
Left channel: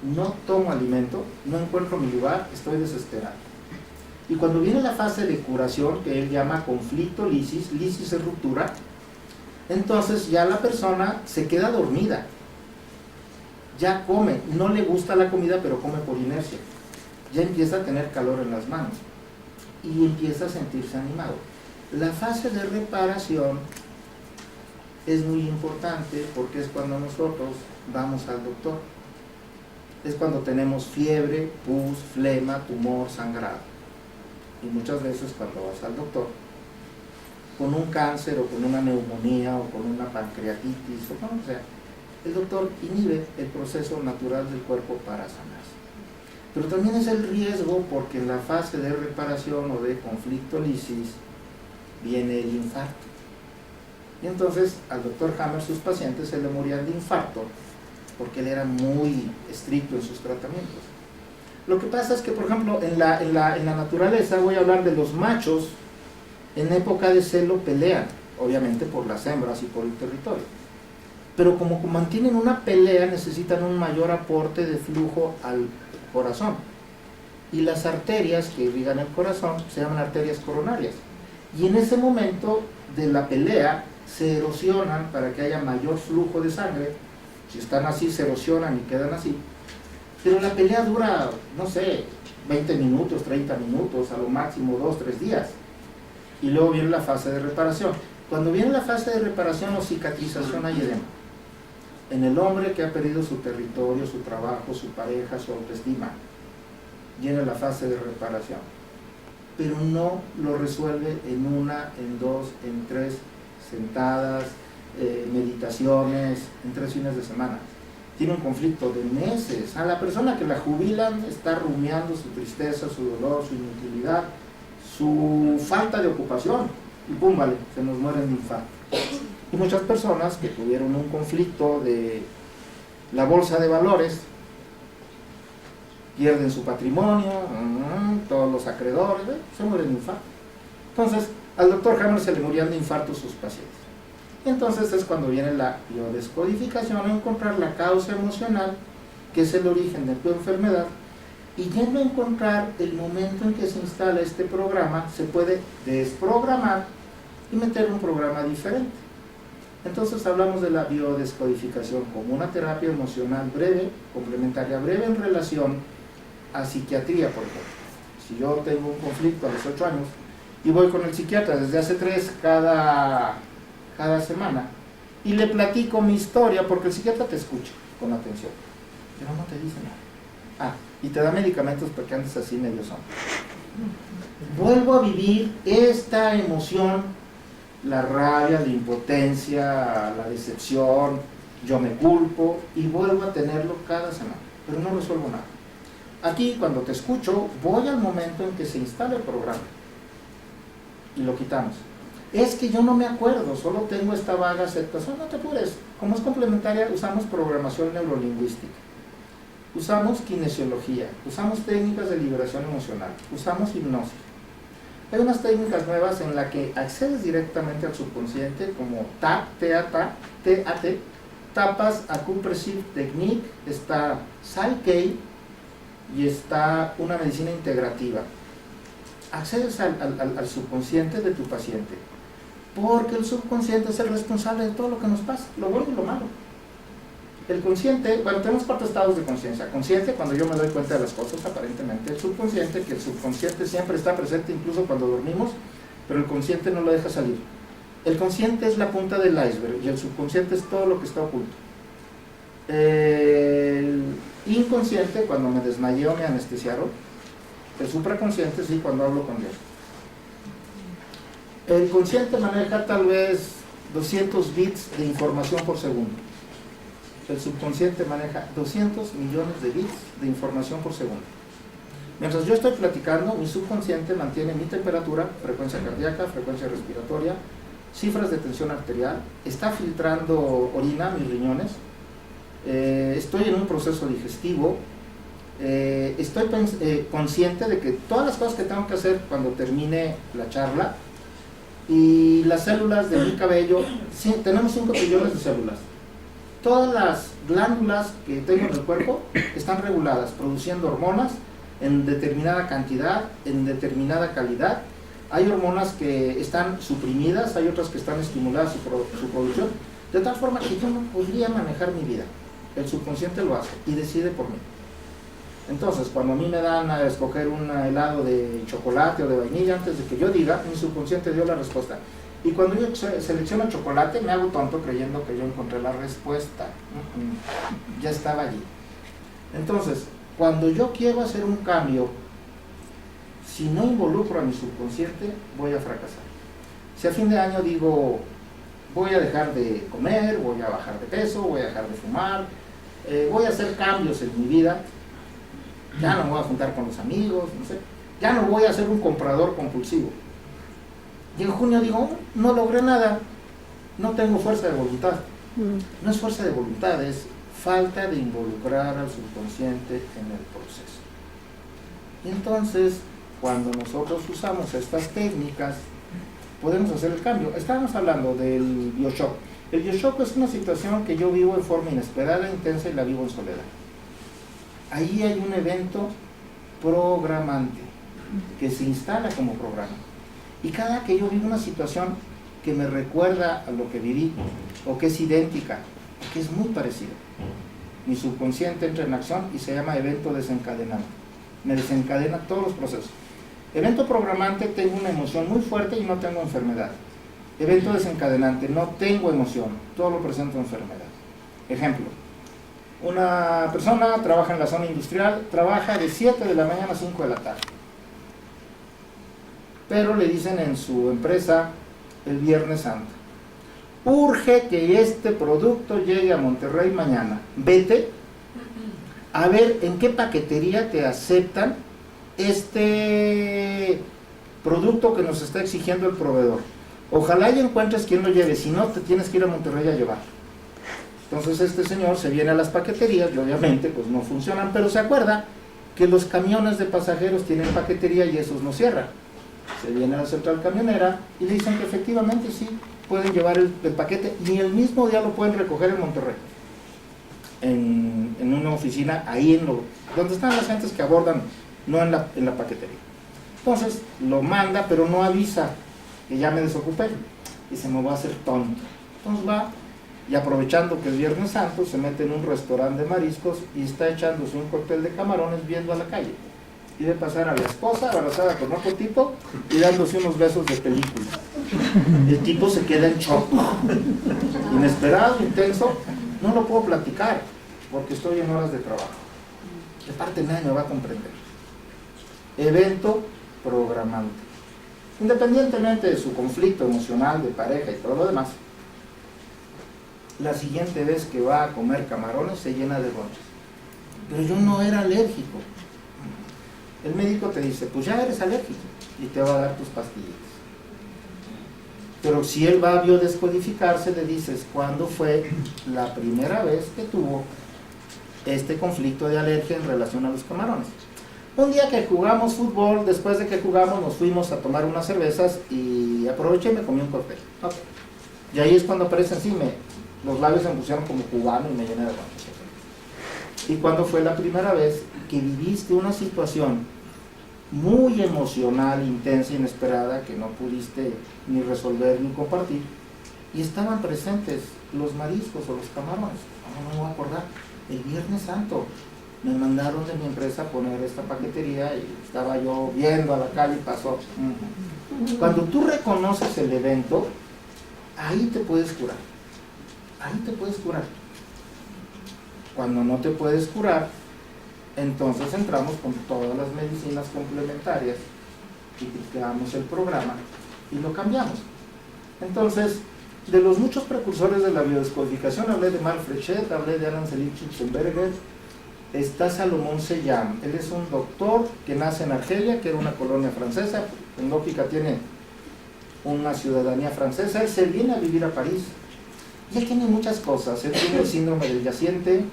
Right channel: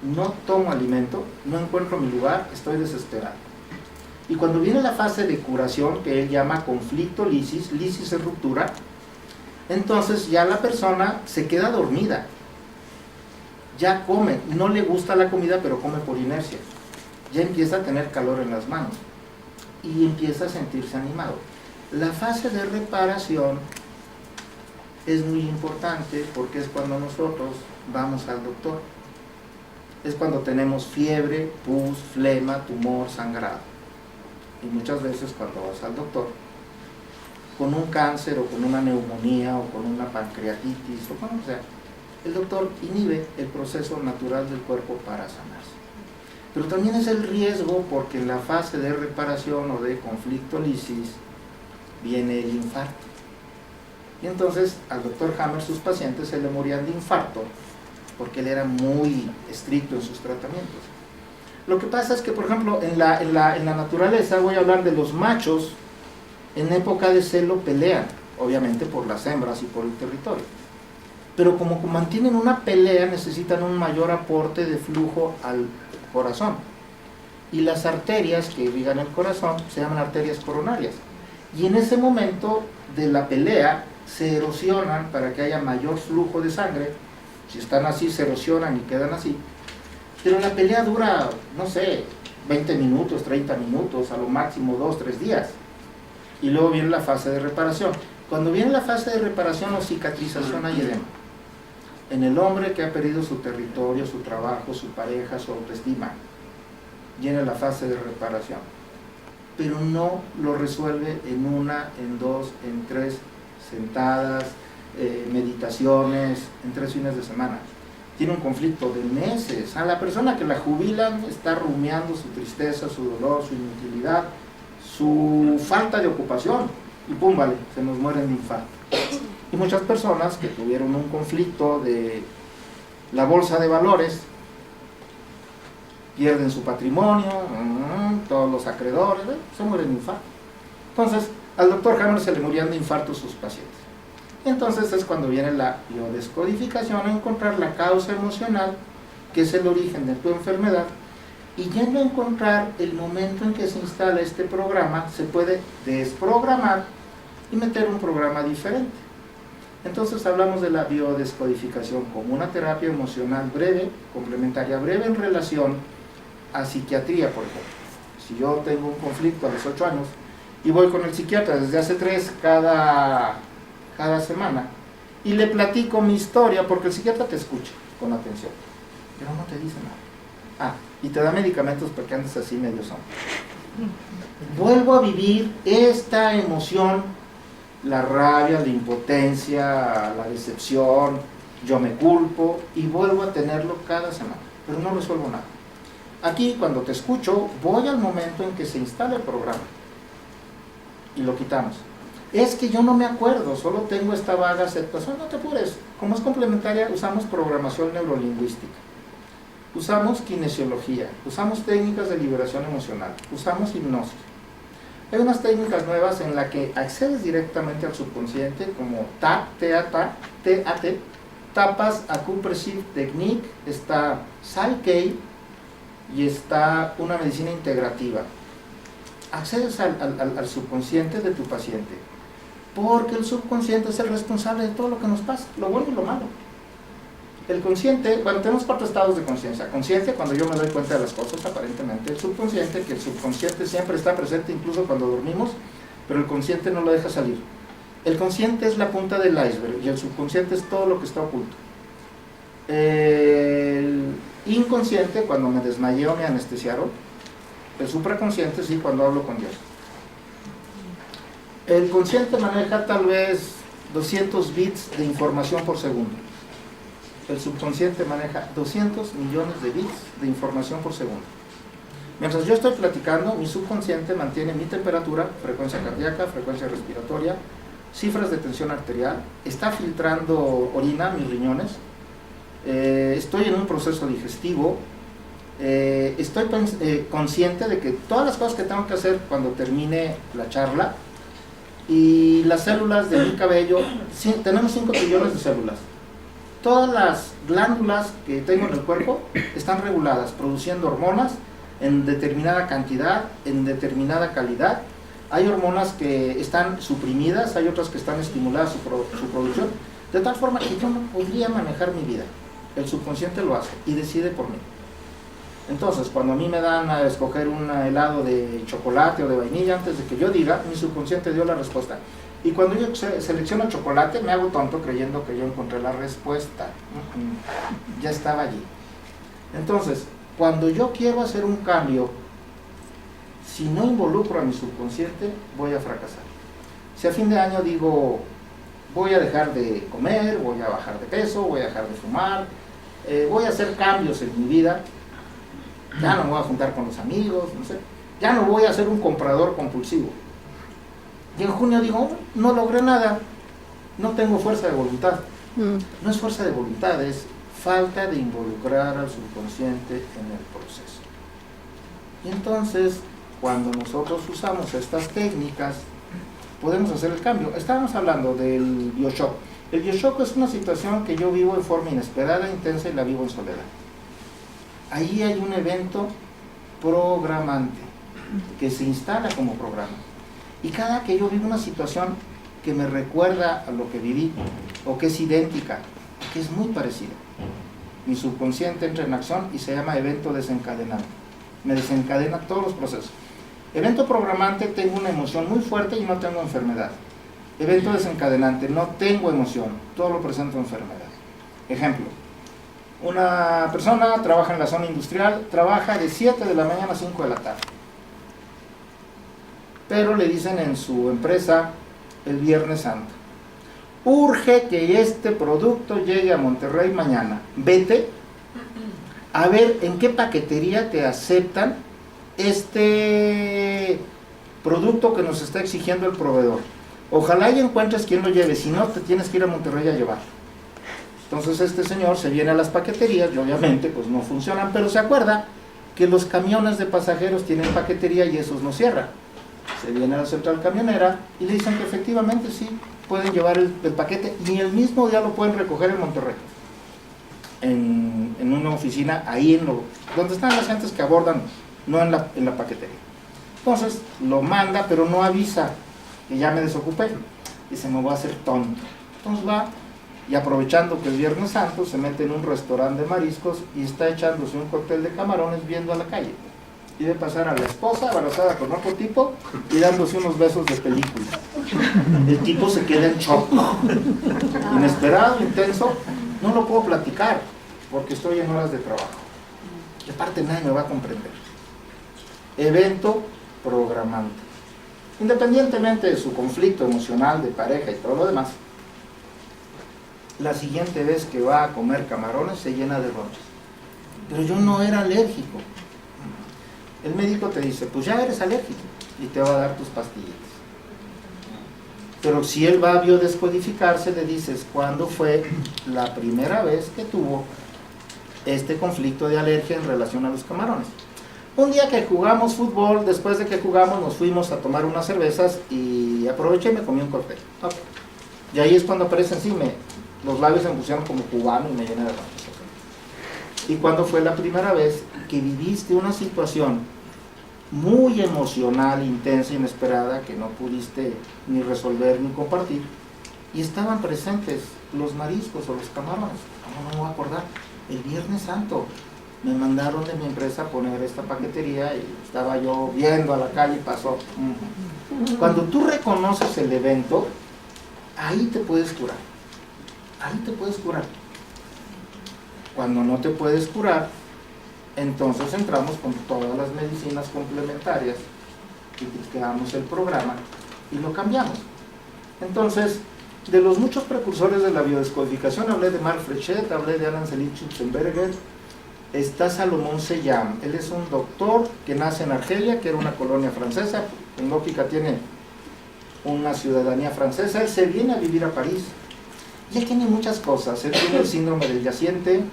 no tomo alimento, no encuentro mi lugar, estoy desesperado. Y cuando viene la fase de curación, que él llama conflicto lisis, lisis es ruptura, entonces ya la persona se queda dormida, ya come, no le gusta la comida pero come por inercia, ya empieza a tener calor en las manos y empieza a sentirse animado. La fase de reparación es muy importante porque es cuando nosotros vamos al doctor, es cuando tenemos fiebre, pus, flema, tumor, sangrado. Y muchas veces cuando vas al doctor con un cáncer o con una neumonía o con una pancreatitis o como sea, el doctor inhibe el proceso natural del cuerpo para sanarse. Pero también es el riesgo porque en la fase de reparación o de conflicto lisis viene el infarto. Y entonces al doctor Hammer sus pacientes se le morían de infarto porque él era muy estricto en sus tratamientos. Lo que pasa es que, por ejemplo, en la naturaleza, voy a hablar de los machos, en época de celo pelean, obviamente por las hembras y por el territorio. Pero como mantienen una pelea, necesitan un mayor aporte de flujo al corazón. Y las arterias que irrigan el corazón se llaman arterias coronarias. Y en ese momento de la pelea se erosionan para que haya mayor flujo de sangre. Si están así, se erosionan y quedan así. Pero la pelea dura, no sé, 20 minutos, 30 minutos, a lo máximo 2, 3 días. Y luego viene la fase de reparación. Cuando viene la fase de reparación o cicatrización hay edema. En el hombre que ha perdido su territorio, su trabajo, su pareja, su autoestima, viene la fase de reparación. Pero no lo resuelve en 1, en 2, en 3 sentadas, meditaciones, en 3 fines de semana. Tiene un conflicto de meses. A la persona que la jubilan está rumiando su tristeza, su dolor, su inutilidad, su falta de ocupación y pum, vale, se nos mueren de infarto. Y muchas personas que tuvieron un conflicto de la bolsa de valores pierden su patrimonio, todos los acreedores, se mueren de infarto. Entonces al doctor Hammer se le morían de infarto sus pacientes. Entonces es cuando viene la biodescodificación a encontrar la causa emocional, que es el origen de tu enfermedad, Y yendo a encontrar el momento en que se instala este programa, se puede desprogramar y meter un programa diferente. Entonces hablamos de la biodescodificación como una terapia emocional breve, complementaria breve en relación a psiquiatría, por ejemplo. Si yo tengo un conflicto a los 8 años y voy con el psiquiatra desde hace 3 cada semana y le platico mi historia, porque el psiquiatra te escucha con atención, pero no te dice nada. Y te da medicamentos porque andes así medio son. Vuelvo a vivir esta emoción, la rabia, la impotencia, la decepción, yo me culpo y vuelvo a tenerlo cada semana, pero no resuelvo nada. Aquí cuando te escucho voy al momento en que se instala el programa y lo quitamos. Es que yo no me acuerdo, solo tengo esta vaga aceptación. No te apures, como es complementaria usamos programación neurolingüística, usamos kinesiología, usamos técnicas de liberación emocional, usamos hipnosis. Hay unas técnicas nuevas en las que accedes directamente al subconsciente, como TAT, Tapas Acupressive Technique, está Psyche y está una medicina integrativa. Accedes al subconsciente de tu paciente, porque el subconsciente es el responsable de todo lo que nos pasa, lo bueno y lo malo. El consciente, bueno, tenemos 4 estados de conciencia. Consciente, cuando yo me doy cuenta de las cosas, aparentemente. El subconsciente, que el subconsciente siempre está presente incluso cuando dormimos, pero el consciente no lo deja salir. El consciente es la punta del iceberg y el subconsciente es todo lo que está oculto. El inconsciente, cuando me desmayé o me anestesiaron. El supraconsciente, sí, cuando hablo con Dios. El consciente maneja tal vez 200 bits de información por segundo. El subconsciente maneja 200 millones de bits de información por segundo. Mientras yo estoy platicando, mi subconsciente mantiene mi temperatura, frecuencia cardíaca, frecuencia respiratoria, cifras de tensión arterial, está filtrando orina, mis riñones, estoy en un proceso digestivo, estoy consciente de que todas las cosas que tengo que hacer cuando termine la charla, y las células de mi cabello, tenemos 5 trillones de células. Todas las glándulas que tengo en el cuerpo están reguladas, produciendo hormonas en determinada cantidad, en determinada calidad. Hay hormonas que están suprimidas, hay otras que están estimuladas su producción, de tal forma que yo no podría manejar mi vida. El subconsciente lo hace y decide por mí. Entonces, cuando a mí me dan a escoger un helado de chocolate o de vainilla, antes de que yo diga, mi subconsciente dio la respuesta. Y cuando yo selecciono chocolate, me hago tonto creyendo que yo encontré la respuesta. Ya estaba allí. Entonces, cuando yo quiero hacer un cambio, si no involucro a mi subconsciente, voy a fracasar. Si a fin de año digo, voy a dejar de comer, voy a bajar de peso, voy a dejar de fumar, voy a hacer cambios en mi vida, ya no me voy a juntar con los amigos, no sé, ya no voy a ser un comprador compulsivo. Y en junio digo, no logré nada, no tengo fuerza de voluntad. No es fuerza de voluntad, es falta de involucrar al subconsciente en el proceso. Y entonces, cuando nosotros usamos estas técnicas, podemos hacer el cambio. Estábamos hablando del bioshock. El bioshock es una situación que yo vivo en forma inesperada, intensa y la vivo en soledad. Ahí hay un evento programante que se instala como programa. Y cada que yo vivo una situación que me recuerda a lo que viví, o que es idéntica, o que es muy parecida, mi subconsciente entra en acción y se llama evento desencadenante. Me desencadena todos los procesos. Evento programante, tengo una emoción muy fuerte y no tengo enfermedad. Evento desencadenante, no tengo emoción, todo lo presento enfermedad. Ejemplo, una persona trabaja en la zona industrial, trabaja de 7 de la mañana a 5 de la tarde. Pero le dicen en su empresa el Viernes Santo, urge que este producto llegue a Monterrey mañana. Vete a ver en qué paquetería te aceptan este producto que nos está exigiendo el proveedor. Ojalá y encuentres quien lo lleve, si no te tienes que ir a Monterrey a llevar. Entonces este señor se viene a las paqueterías y obviamente pues no funcionan, pero se acuerda que los camiones de pasajeros tienen paquetería y esos no cierran. Se viene a la central camionera y le dicen que efectivamente sí, pueden llevar el paquete y el mismo día lo pueden recoger en Monterrey, en en una oficina, ahí donde están las gentes que abordan, no en la paquetería. Entonces lo manda, pero no avisa que ya me desocupé. Dice, me voy a hacer tonto. Entonces va, y aprovechando que es Viernes Santo, se mete en un restaurante de mariscos y está echándose un cóctel de camarones viendo a la calle. Y ve pasar a la esposa abrazada con otro tipo y dándose unos besos de película. El tipo se queda en shock. Inesperado, intenso, no lo puedo platicar porque estoy en horas de trabajo. Y aparte nadie me va a comprender. Evento programante. Independientemente de su conflicto emocional, de pareja y todo lo demás, la siguiente vez que va a comer camarones se llena de ronchas. Pero yo no era alérgico. El médico te dice, pues ya eres alérgico y te va a dar tus pastillitas. Pero si él va a biodescodificarse, le dices, ¿cuándo fue la primera vez que tuvo este conflicto de alergia en relación a los camarones? Un día que jugamos fútbol, después de que jugamos nos fuimos a tomar unas cervezas y aproveché y me comí un cóctel. Okay. Y ahí es cuando aparecen, sí, los labios se me pusieron como cubano y me llené de ronchas. ¿Y cuándo fue la primera vez que viviste una situación muy emocional, intensa, inesperada, que no pudiste ni resolver ni compartir, y estaban presentes los mariscos o los camarones? No me voy a acordar, el Viernes Santo me mandaron de mi empresa a poner esta paquetería y estaba yo viendo a la calle y pasó. Cuando tú reconoces el evento, ahí te puedes curar, ahí te puedes curar. Cuando no te puedes curar, entonces entramos con todas las medicinas complementarias y creamos el programa y lo cambiamos. Entonces, de los muchos precursores de la biodescodificación, hablé de Mark Frechet, hablé de Alan Selim Schutzenberger, está Salomón Seyam. Él es un doctor que nace en Argelia, que era una colonia francesa, en lógica tiene una ciudadanía francesa. Él se viene a vivir a París y él tiene muchas cosas. Él tiene el síndrome del yaciente,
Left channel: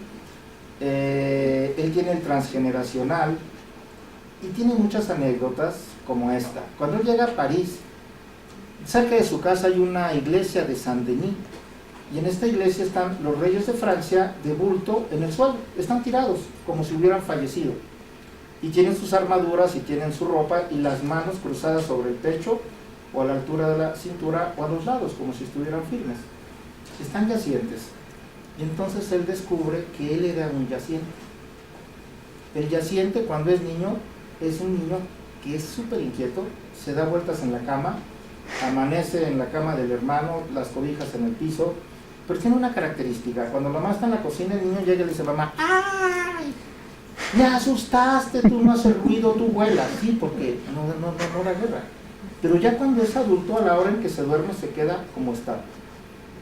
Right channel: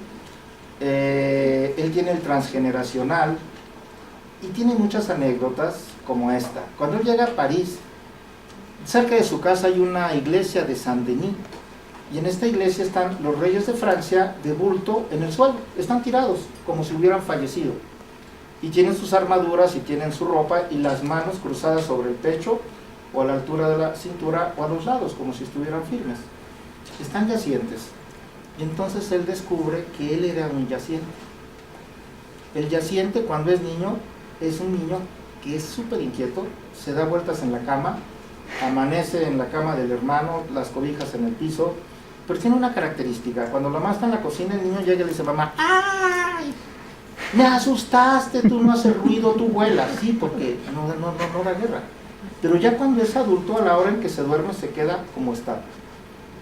él tiene el transgeneracional y tiene muchas anécdotas como esta. Cuando él llega a París, cerca de su casa hay una iglesia de Saint-Denis y en esta iglesia están los reyes de Francia de bulto en el suelo, están tirados como si hubieran fallecido y tienen sus armaduras y tienen su ropa y las manos cruzadas sobre el pecho o a la altura de la cintura o a los lados como si estuvieran firmes, están yacientes. Y entonces él descubre que él era un yaciente. El yaciente, cuando es niño, es un niño que es súper inquieto, se da vueltas en la cama, amanece en la cama del hermano, las cobijas en el piso, pero tiene una característica: cuando la mamá está en la cocina, el niño llega y le dice, mamá, ¡ay! Me asustaste, tú no haces ruido, tú vuelas. Sí, porque no da guerra. Pero ya cuando es adulto, a la hora en que se duerme, se queda como está.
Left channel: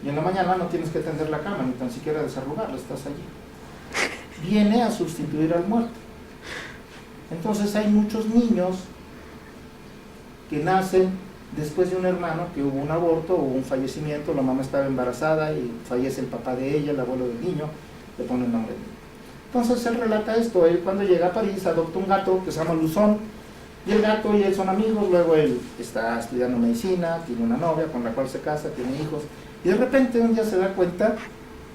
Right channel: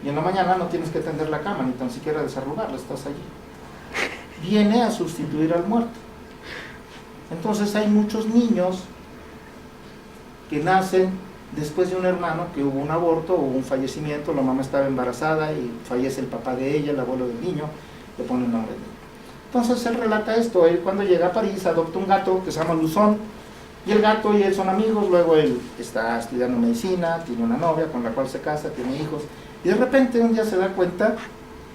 Y en la mañana no tienes que tender la cama, ni tan siquiera desarrugarla, estás allí. Viene a sustituir al muerto. Entonces hay muchos niños que nacen después de un hermano que hubo un aborto o un fallecimiento, la mamá estaba embarazada y fallece el papá de ella, el abuelo del niño, le pone el nombre de niño. Entonces él relata esto. Él cuando llega a París adopta un gato que se llama Luzón, y el gato y él son amigos. Luego él está estudiando medicina, tiene una novia con la cual se casa, tiene hijos, y de repente un día se da cuenta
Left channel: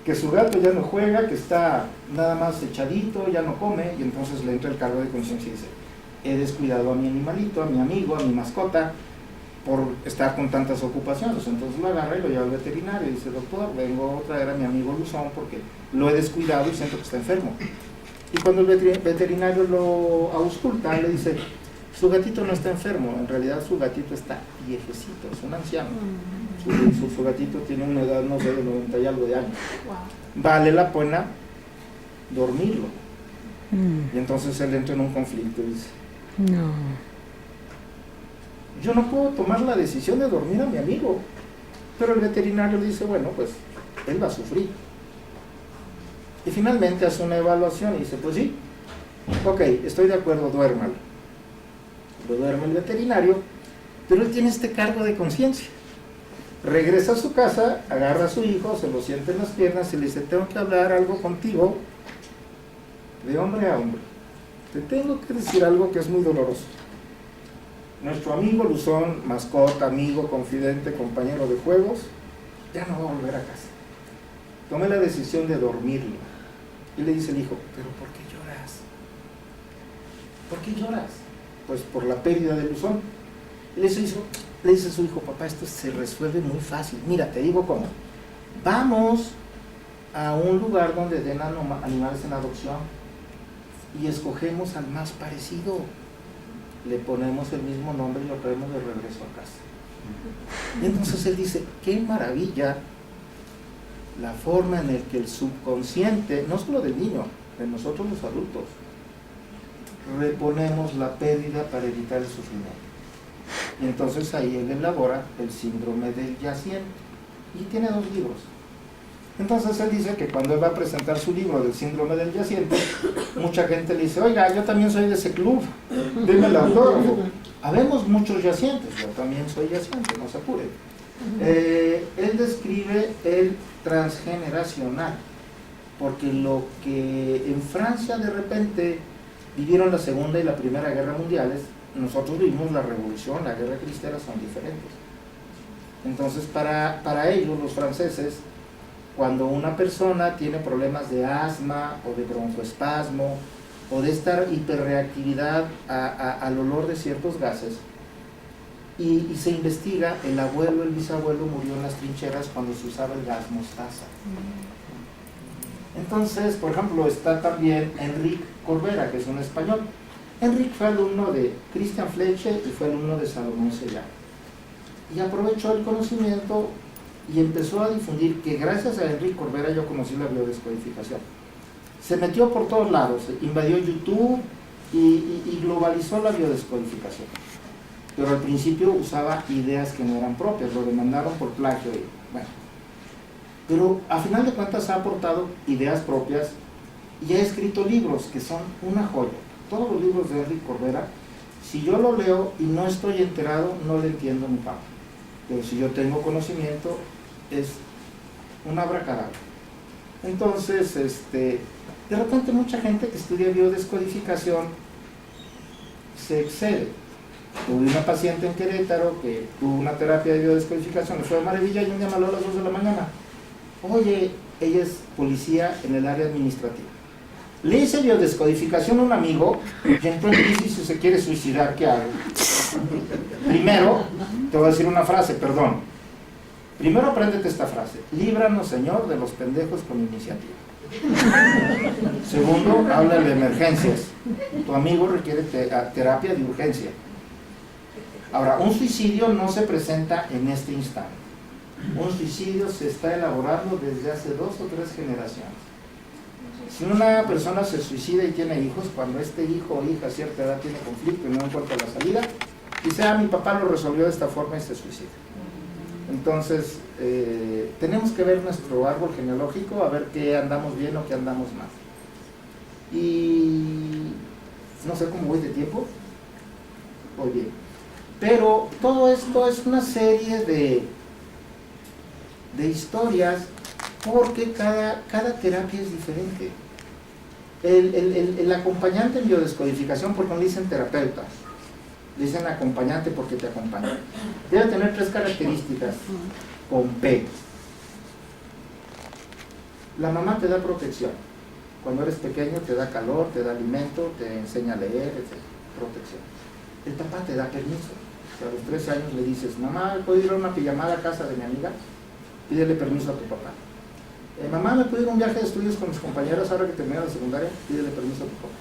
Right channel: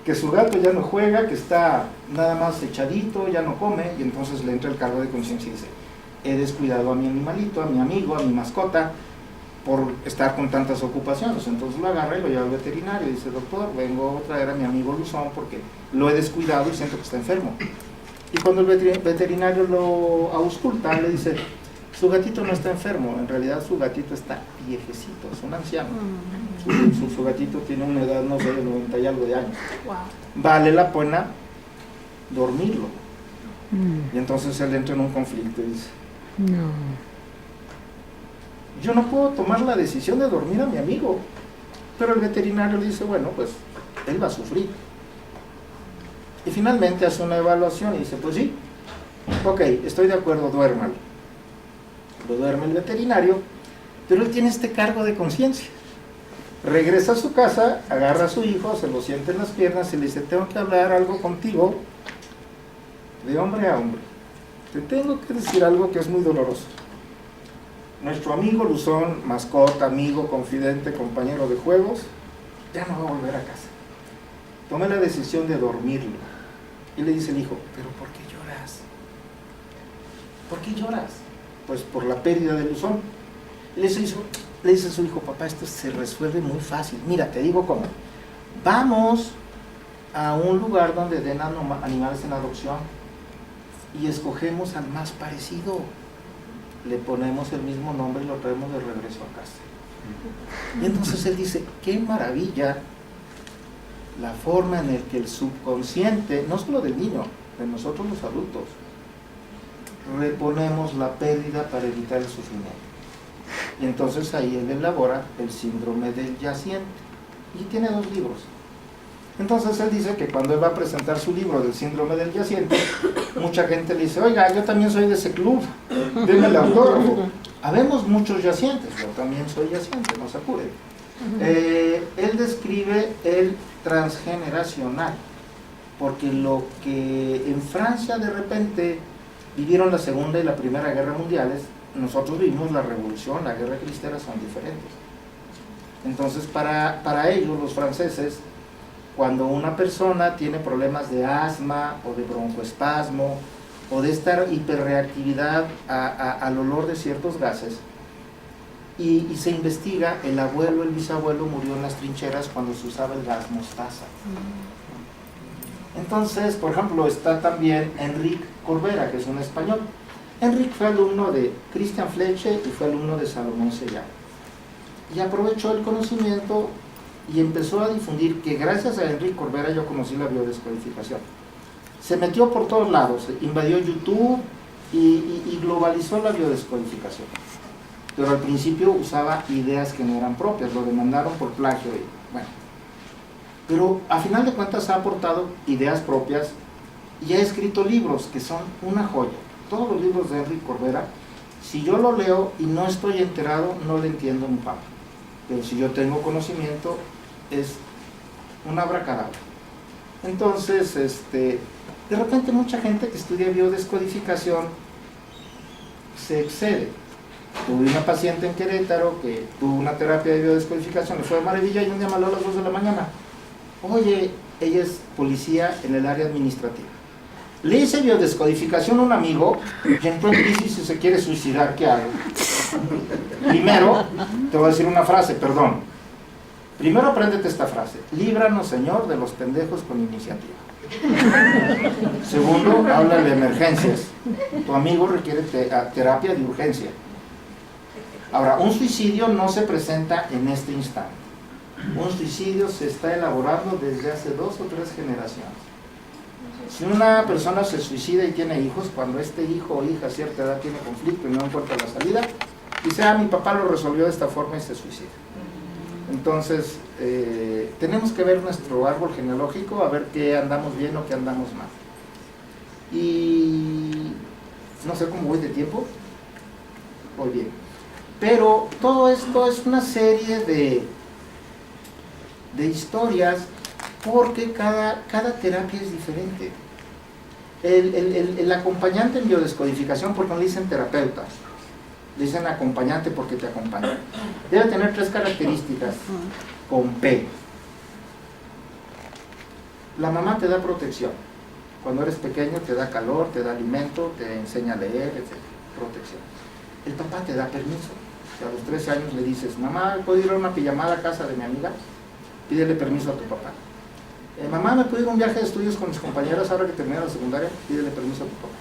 que su gato ya no juega, que está nada más echadito, ya no come, y entonces le entra el cargo de conciencia y dice, he descuidado a mi animalito, a mi amigo, a mi mascota, por estar con tantas ocupaciones. Entonces lo agarra y lo lleva al veterinario y dice, doctor, vengo a traer a mi amigo Luzón porque lo he descuidado y siento que está enfermo. Y cuando el veterinario lo ausculta, le dice, su gatito no está enfermo, en realidad su gatito está viejecito, es un anciano. Su gatito tiene una edad, no sé, de 90 y algo de años. Vale la pena dormirlo. Y entonces él entra en un conflicto y dice, no, yo no puedo tomar la decisión de dormir a mi amigo. Pero el veterinario le dice, bueno, pues él va a sufrir. Y finalmente hace una evaluación y dice, pues sí, ok, estoy de acuerdo, duérmalo. Lo duerme el veterinario, pero él tiene este cargo de conciencia. Regresa a su casa, agarra a su hijo, se lo sienta en las piernas y le dice, tengo que hablar algo contigo de hombre a hombre. Te tengo que decir algo que es muy doloroso. Nuestro amigo Luzón, mascota, amigo, confidente, compañero de juegos, ya no va a volver a casa. Tomé la decisión de dormirlo. Y le dice el hijo, ¿pero por qué lloras? ¿Por qué lloras? Pues por la pérdida del buzón. Y le dice a su hijo, papá, esto se resuelve muy fácil. Mira, te digo cómo. Vamos a un lugar donde den animales en adopción y escogemos al más parecido. Le ponemos el mismo nombre y lo traemos de regreso a casa. Y entonces él dice, qué maravilla la forma en la que el subconsciente, no solo del niño, de nosotros los adultos, reponemos la pérdida para evitar el sufrimiento. Y entonces ahí él elabora el síndrome del yaciente y tiene 2 libros. Entonces él dice que cuando él va a presentar su libro del síndrome del yaciente, mucha gente le dice, oiga, yo también soy de ese club, deme el autógrafo. Habemos muchos yacientes, yo también soy yaciente, no se apuren. Él describe el transgeneracional, porque lo que en Francia de repente vivieron la Segunda y la Primera Guerra Mundiales, nosotros vivimos la Revolución, la Guerra Cristera, son diferentes. Entonces para ellos, los franceses, cuando una persona tiene problemas de asma o de broncoespasmo o de esta hiperreactividad al olor de ciertos gases, y se investiga, el abuelo, el bisabuelo murió en las trincheras cuando se usaba el gas mostaza. Entonces, por ejemplo, está también Enrique Corbera, que es un español. Enrique fue alumno de Christian Fleche y fue alumno de Salomón Sellán. Y aprovechó el conocimiento y empezó a difundir, que gracias a Enrique Corbera yo conocí la biodescodificación. Se metió por todos lados, invadió YouTube y globalizó la biodescodificación. Pero al principio usaba ideas que no eran propias, lo demandaron por plagio y bueno. Pero a final de cuentas ha aportado ideas propias y ha escrito libros que son una joya. Todos los libros de Enrique Corbera, si yo lo leo y no estoy enterado, no le entiendo un papa. Pero si yo tengo conocimiento, es un abracadabra. Entonces, de repente mucha gente que estudia biodescodificación se excede. Tuve una paciente en Querétaro que tuvo una terapia de biodescodificación, le fue de maravilla y un día me habló a las 2 de la mañana. Oye, ella es policía en el área administrativa. Le hice biodescodificación a un amigo y entró en crisis y se quiere suicidar. ¿Qué hago? Primero, te voy a decir una frase, perdón. Primero apréndete esta frase. Líbranos, Señor, de los pendejos con iniciativa. Segundo, habla de emergencias. Tu amigo requiere terapia de urgencia. Ahora, un suicidio no se presenta en este instante. Un suicidio se está elaborando desde hace 2 o 3 generaciones. Si una persona se suicida y tiene hijos, cuando este hijo o hija a cierta edad tiene conflicto y no encuentra la salida, dice, mi papá lo resolvió de esta forma y se suicida. Entonces, tenemos que ver nuestro árbol genealógico, a ver qué andamos bien o qué andamos mal. Y no sé cómo voy de tiempo. Voy bien. Pero todo esto es una serie de historias, porque cada terapia es diferente. El acompañante en biodescodificación, porque no le dicen terapeuta, le dicen acompañante porque te acompaña. Debe tener 3 características con P. La mamá te da protección. Cuando eres pequeño te da calor, te da alimento, te enseña a leer, etc. Protección. El papá te da permiso. Si a los 13 años le dices, mamá, ¿puedo ir a una pijamada a casa de mi amiga? Pídele permiso a tu papá. Mamá, ¿me puedo ir a un viaje de estudios con mis compañeros ahora que termine la secundaria? Pídele permiso a tu papá.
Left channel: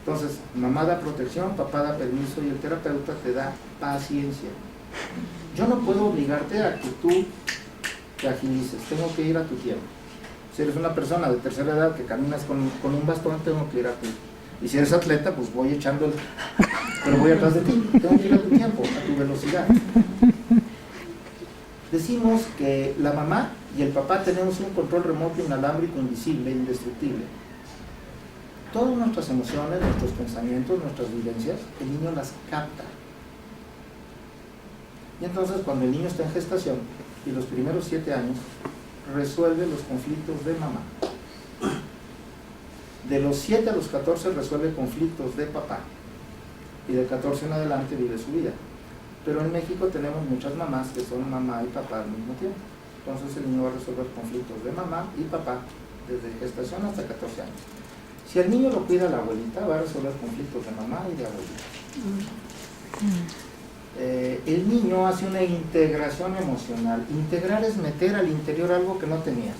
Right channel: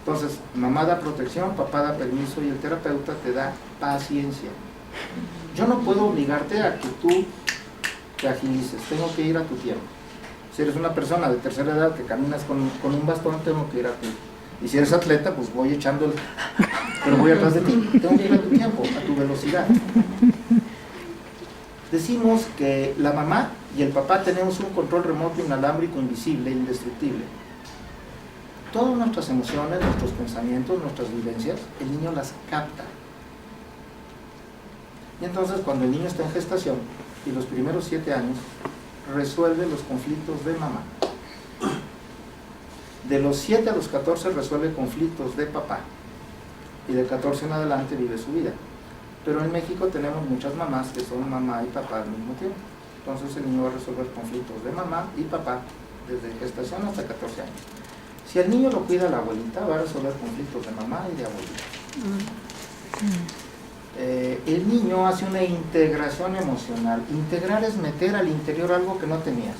Entonces, mamá da protección, papá da permiso y el terapeuta te da paciencia. Yo no puedo obligarte a que tú te agilices, tengo que ir a tu tiempo. Si eres una persona de tercera edad que caminas con un bastón, tengo que ir a tu. Y si eres atleta, pues voy echándole, pero voy atrás de ti, tengo que ir a tu tiempo, a tu velocidad. Decimos que la mamá y el papá tenemos un control remoto, inalámbrico, invisible, indestructible. Todas nuestras emociones, nuestros pensamientos, nuestras vivencias, el niño las capta. Y entonces cuando el niño está en gestación y los primeros 7 años, resuelve los conflictos de mamá. De los 7 a los 14 resuelve conflictos de papá. Y de 14 en adelante vive su vida. Pero en México tenemos muchas mamás que son mamá y papá al mismo tiempo. Entonces el niño va a resolver conflictos de mamá y papá desde gestación hasta 14 años. Si el niño lo cuida la abuelita, va a resolver conflictos de mamá y de abuelita. El niño hace una integración emocional. Integrar es meter al interior algo que no tenías.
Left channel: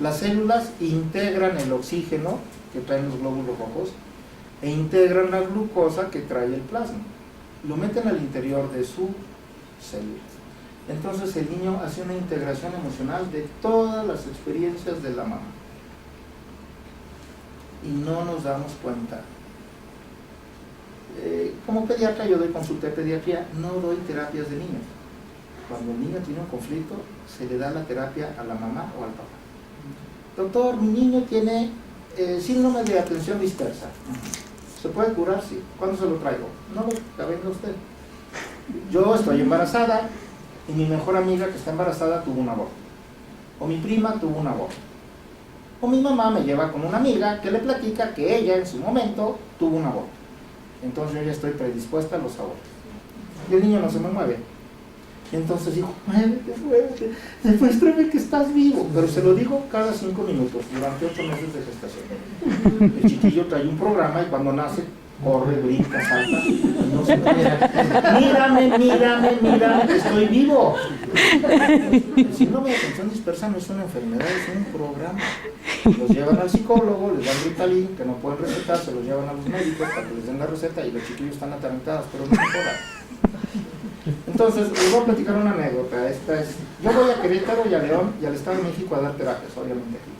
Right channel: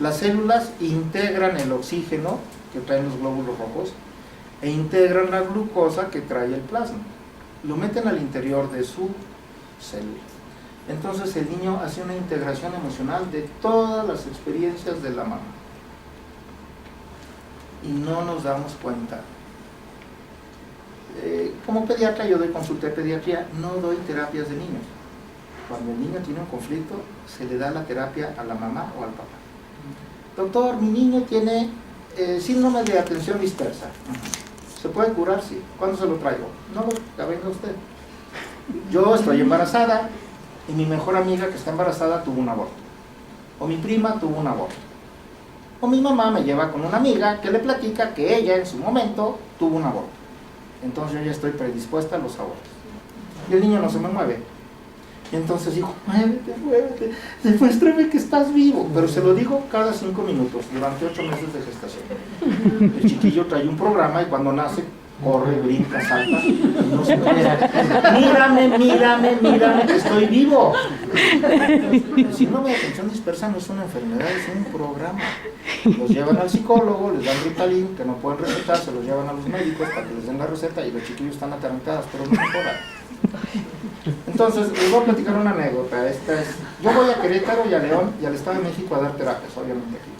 Las células integran el oxígeno que traen los glóbulos rojos e integran la glucosa que trae el plasma. Lo meten al interior de su célula. Entonces el niño hace una integración emocional de todas las experiencias de la mamá. Y no nos damos cuenta. Como pediatra, yo doy consulta de pediatría, no doy terapias de niños. Cuando el niño tiene un conflicto, se le da la terapia a la mamá o al papá. Doctor, mi niño tiene síndrome de atención dispersa. ¿Se puede curar? Sí. ¿Cuándo se lo traigo? No, ya venga usted. Yo estoy embarazada y mi mejor amiga que está embarazada tuvo un aborto. O mi prima tuvo un aborto. O mi mamá me lleva con una amiga que le platica que ella en su momento tuvo un aborto. Entonces yo ya estoy predispuesta a los abortos. Y el niño no se me mueve. Y entonces digo, muévete, demuéstrame que estás vivo. Pero se lo digo cada 5 minutos, durante 8 meses de gestación. El chiquillo trae un programa y cuando nace, corre, brinca, salta, y no se mueve. Mírame, estoy vivo. El síndrome de atención dispersa no es una enfermedad, es un programa. Los llevan al psicólogo, les dan Ritalin, que no pueden recetar, se los llevan a los médicos para que les den la receta y los chiquillos están atarantados, pero no mejoran. Entonces, les voy a platicar una anécdota. Yo voy a Querétaro y a León y al Estado de México a dar terapias, obviamente aquí.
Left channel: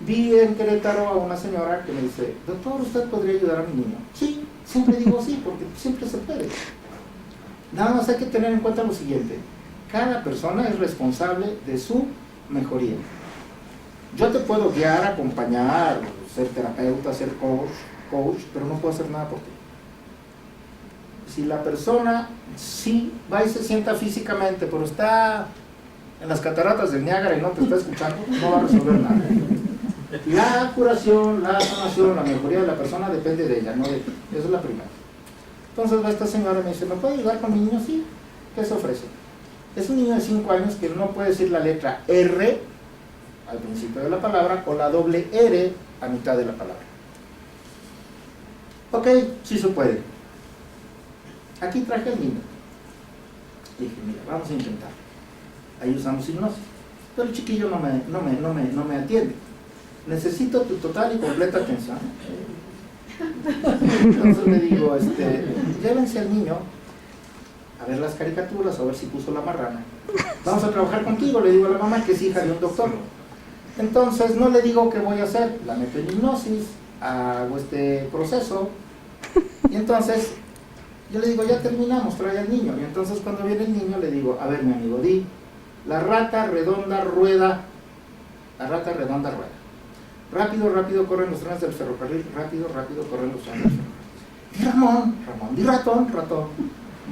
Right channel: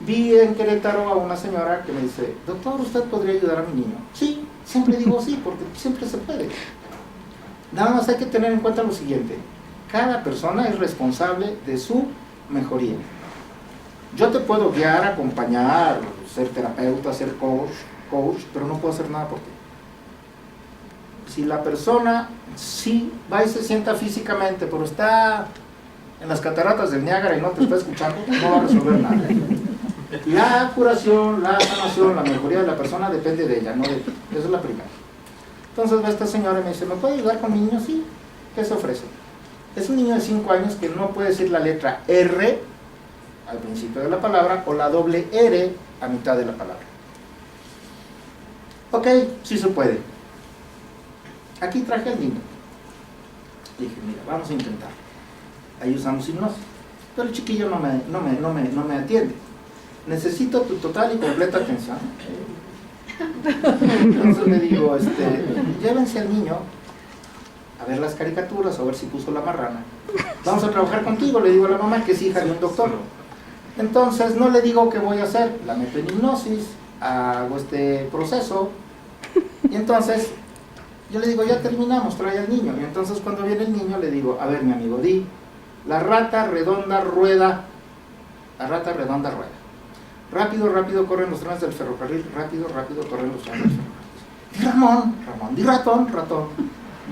Vi en Querétaro a una señora que me dice, doctor, ¿usted podría ayudar a mi niño? Sí, siempre digo sí, porque siempre se puede. Nada más hay que tener en cuenta lo siguiente, cada persona es responsable de su mejoría. Yo te puedo guiar, acompañar, ser terapeuta, ser coach, pero no puedo hacer nada por ti. Si la persona sí va y se sienta físicamente, pero está en las cataratas del Niágara y no te está escuchando, no va a resolver nada. La curación, la sanación, la mejoría de la persona depende de ella, no de ti. Esa es la primera. Entonces va esta señora y me dice, ¿me puede ayudar con mi niño? Sí. ¿Qué se ofrece? Es un niño de 5 años que no puede decir la letra R al principio de la palabra o la doble R a mitad de la palabra. Ok, sí se puede. Aquí traje al niño. Dije, mira, vamos a intentar. Ahí usamos hipnosis. Pero el chiquillo no me atiende. Necesito tu total y completa atención. Entonces le digo, llévense al niño a ver las caricaturas, a ver si puso la marrana. Vamos a trabajar contigo, le digo a la mamá que es hija de un doctor. Entonces no le digo qué voy a hacer, la meto en hipnosis, hago este proceso y entonces yo le digo, ya terminamos, trae al niño. Y entonces cuando viene el niño le digo, a ver mi amigo, di, la rata redonda rueda, la rata redonda rueda. Rápido, rápido corren los trenes del ferrocarril, rápido, rápido corren los trenes del ferrocarril. Di Ramón, di ratón, ratón.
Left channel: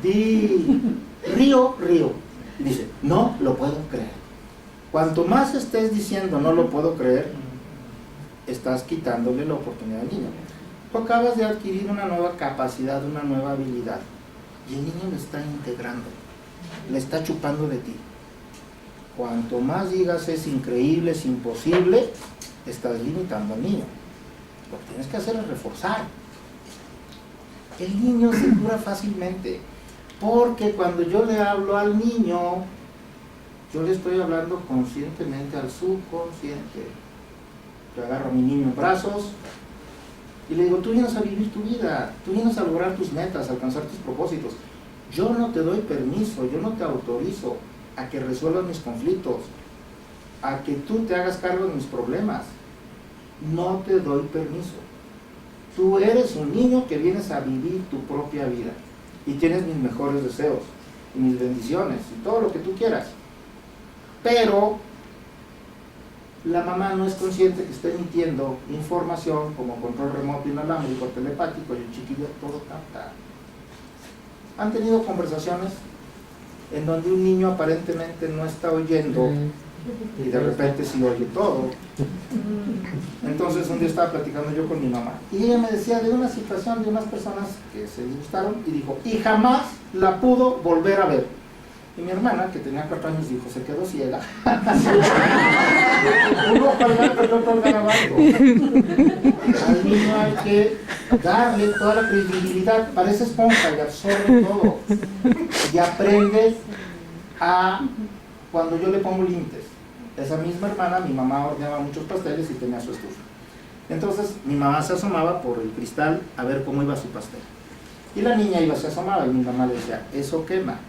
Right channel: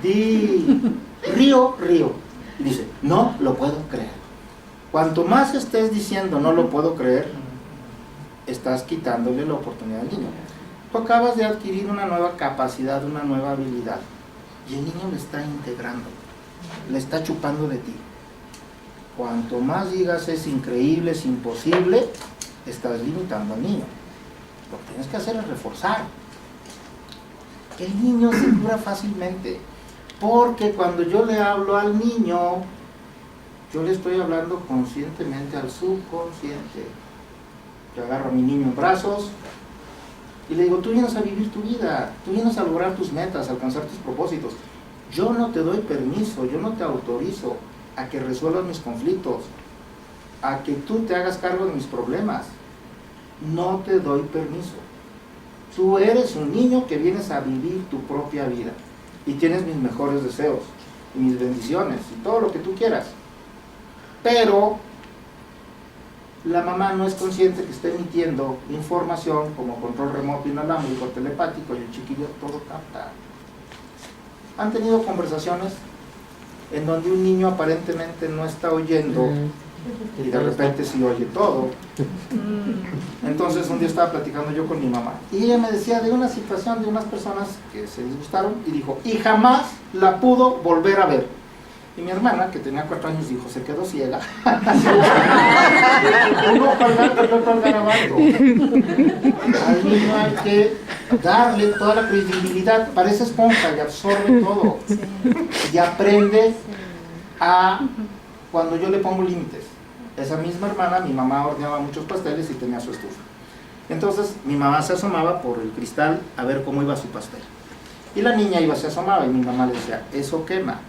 Di río, río. Y dice, no lo puedo creer. Cuanto más estés diciendo no lo puedo creer, estás quitándole la oportunidad al niño. Tú acabas de adquirir una nueva capacidad, una nueva habilidad, y el niño le está integrando, le está chupando de ti. Cuanto más digas es increíble, es imposible, estás limitando al niño. Lo que tienes que hacer es reforzar. El niño se cura fácilmente, porque cuando yo le hablo al niño, yo le estoy hablando conscientemente al subconsciente. Yo agarro a mi niño en brazos y le digo, tú vienes a vivir tu vida, tú vienes a lograr tus metas, a alcanzar tus propósitos. Yo no te doy permiso, yo no te autorizo a que resuelvas mis conflictos, a que tú te hagas cargo de mis problemas. No te doy permiso. Tú eres un niño que vienes a vivir tu propia vida y tienes mis mejores deseos y mis bendiciones y todo lo que tú quieras. Pero la mamá no es consciente que está emitiendo información como control remoto inalámbrico, telepático, y el chiquillo todo capta. ¿Han tenido conversaciones en donde un niño aparentemente no está oyendo y de repente sí oye todo? Entonces un día estaba platicando yo con mi mamá y ella me decía de una situación de unas personas que se disgustaron y dijo, y jamás la pudo volver a ver. Y mi hermana, que tenía 4 años, dijo, se quedó ciega. Uno al gato y otro al garabato. Al niño hay que darle toda la credibilidad, parece esponja y absorbe todo. Y aprende a, cuando yo le pongo límites. Esa misma hermana, mi mamá horneaba muchos pasteles y tenía su estufa. Entonces mi mamá se asomaba por el cristal a ver cómo iba su pastel. Y la niña se asomaba y mi mamá le decía, eso quema.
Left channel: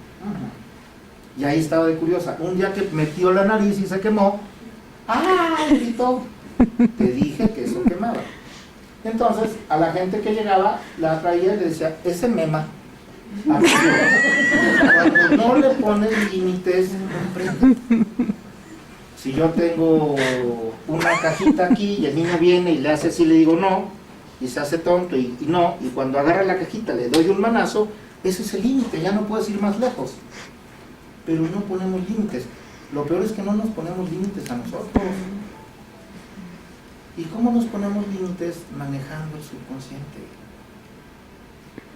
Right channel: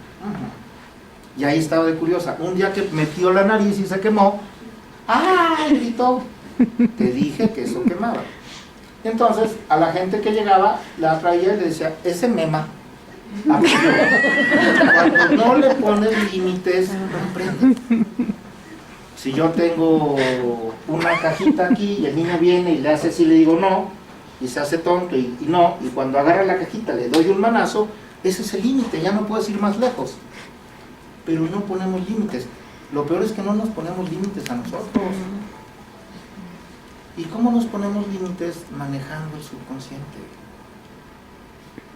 Y ahí estaba de curiosa. Un día que metió la nariz y se quemó, ¡ay! Gritó. Te dije que eso quemaba. Entonces, a la gente que llegaba, la traía y le decía, ese mema. Cuando no le pones límites, no prende. Si yo tengo una cajita aquí y el niño viene y le hace así, le digo no, y se hace tonto y no, y cuando agarra la cajita le doy un manazo, ese es el límite, ya no puedes ir más lejos. Pero no ponemos límites. Lo peor es que no nos ponemos límites a nosotros. ¿Y cómo nos ponemos límites? Manejando el subconsciente.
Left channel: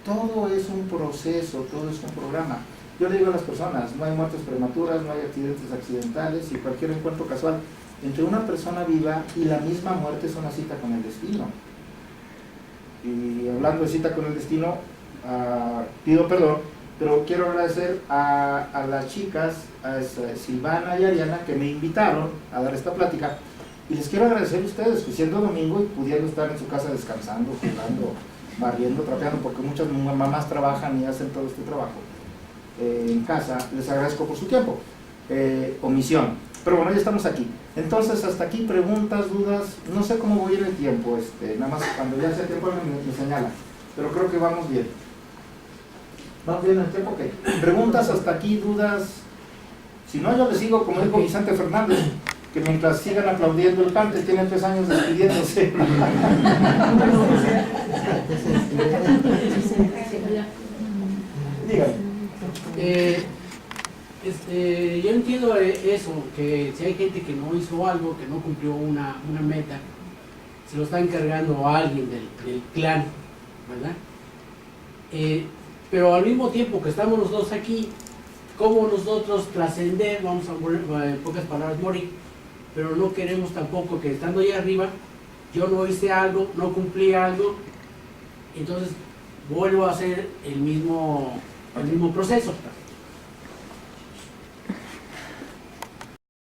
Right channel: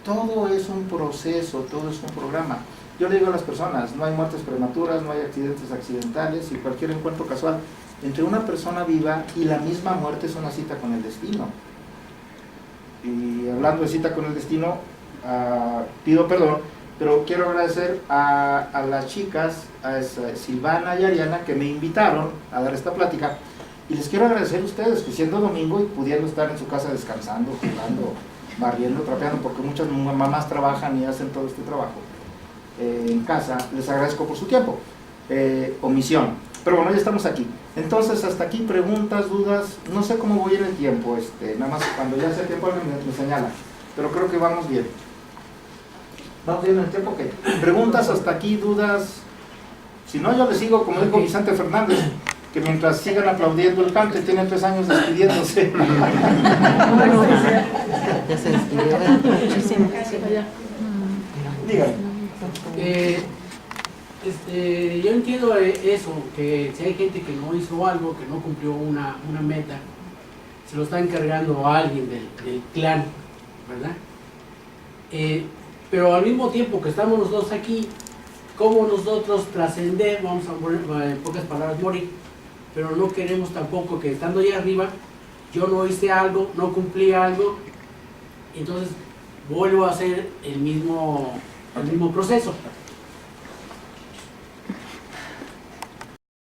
Todo es un proceso, todo es un programa. Yo le digo a las personas, no hay muertes prematuras, no hay accidentes accidentales y cualquier encuentro casual entre una persona viva y la misma muerte es una cita con el destino. Y hablando de cita con el destino, pido perdón, pero quiero agradecer a las chicas, a Silvana y Ariana, que me invitaron a dar esta plática, y les quiero agradecer a ustedes que siendo domingo y pudiendo estar en su casa descansando, jugando, barriendo, trapeando, porque muchas mamás trabajan y hacen todo este trabajo en casa. Les agradezco por su tiempo, omisión, pero bueno, ya estamos aquí. Entonces hasta aquí, preguntas, dudas, no sé cómo voy en el tiempo, nada más cuando ya sea tiempo me señala, pero creo que vamos bien. ¿Vamos bien en el tiempo? Ok. Preguntas hasta aquí, dudas. Si no, yo les sigo como dijo Vicente Fernández, que mientras sigan aplaudiendo el cante, tiene 3 años despidiéndose. Dígame. Yo entiendo eso, que si hay gente que no hizo algo, que no cumplió una meta, se lo está encargando a alguien del clan, ¿verdad? Pero al mismo tiempo que estamos los dos aquí, ¿cómo nosotros trascender? Vamos a poner en pocas palabras, morir, pero no queremos tampoco que estando allá arriba, yo no hice algo, no cumplí algo, entonces vuelvo a hacer el mismo proceso.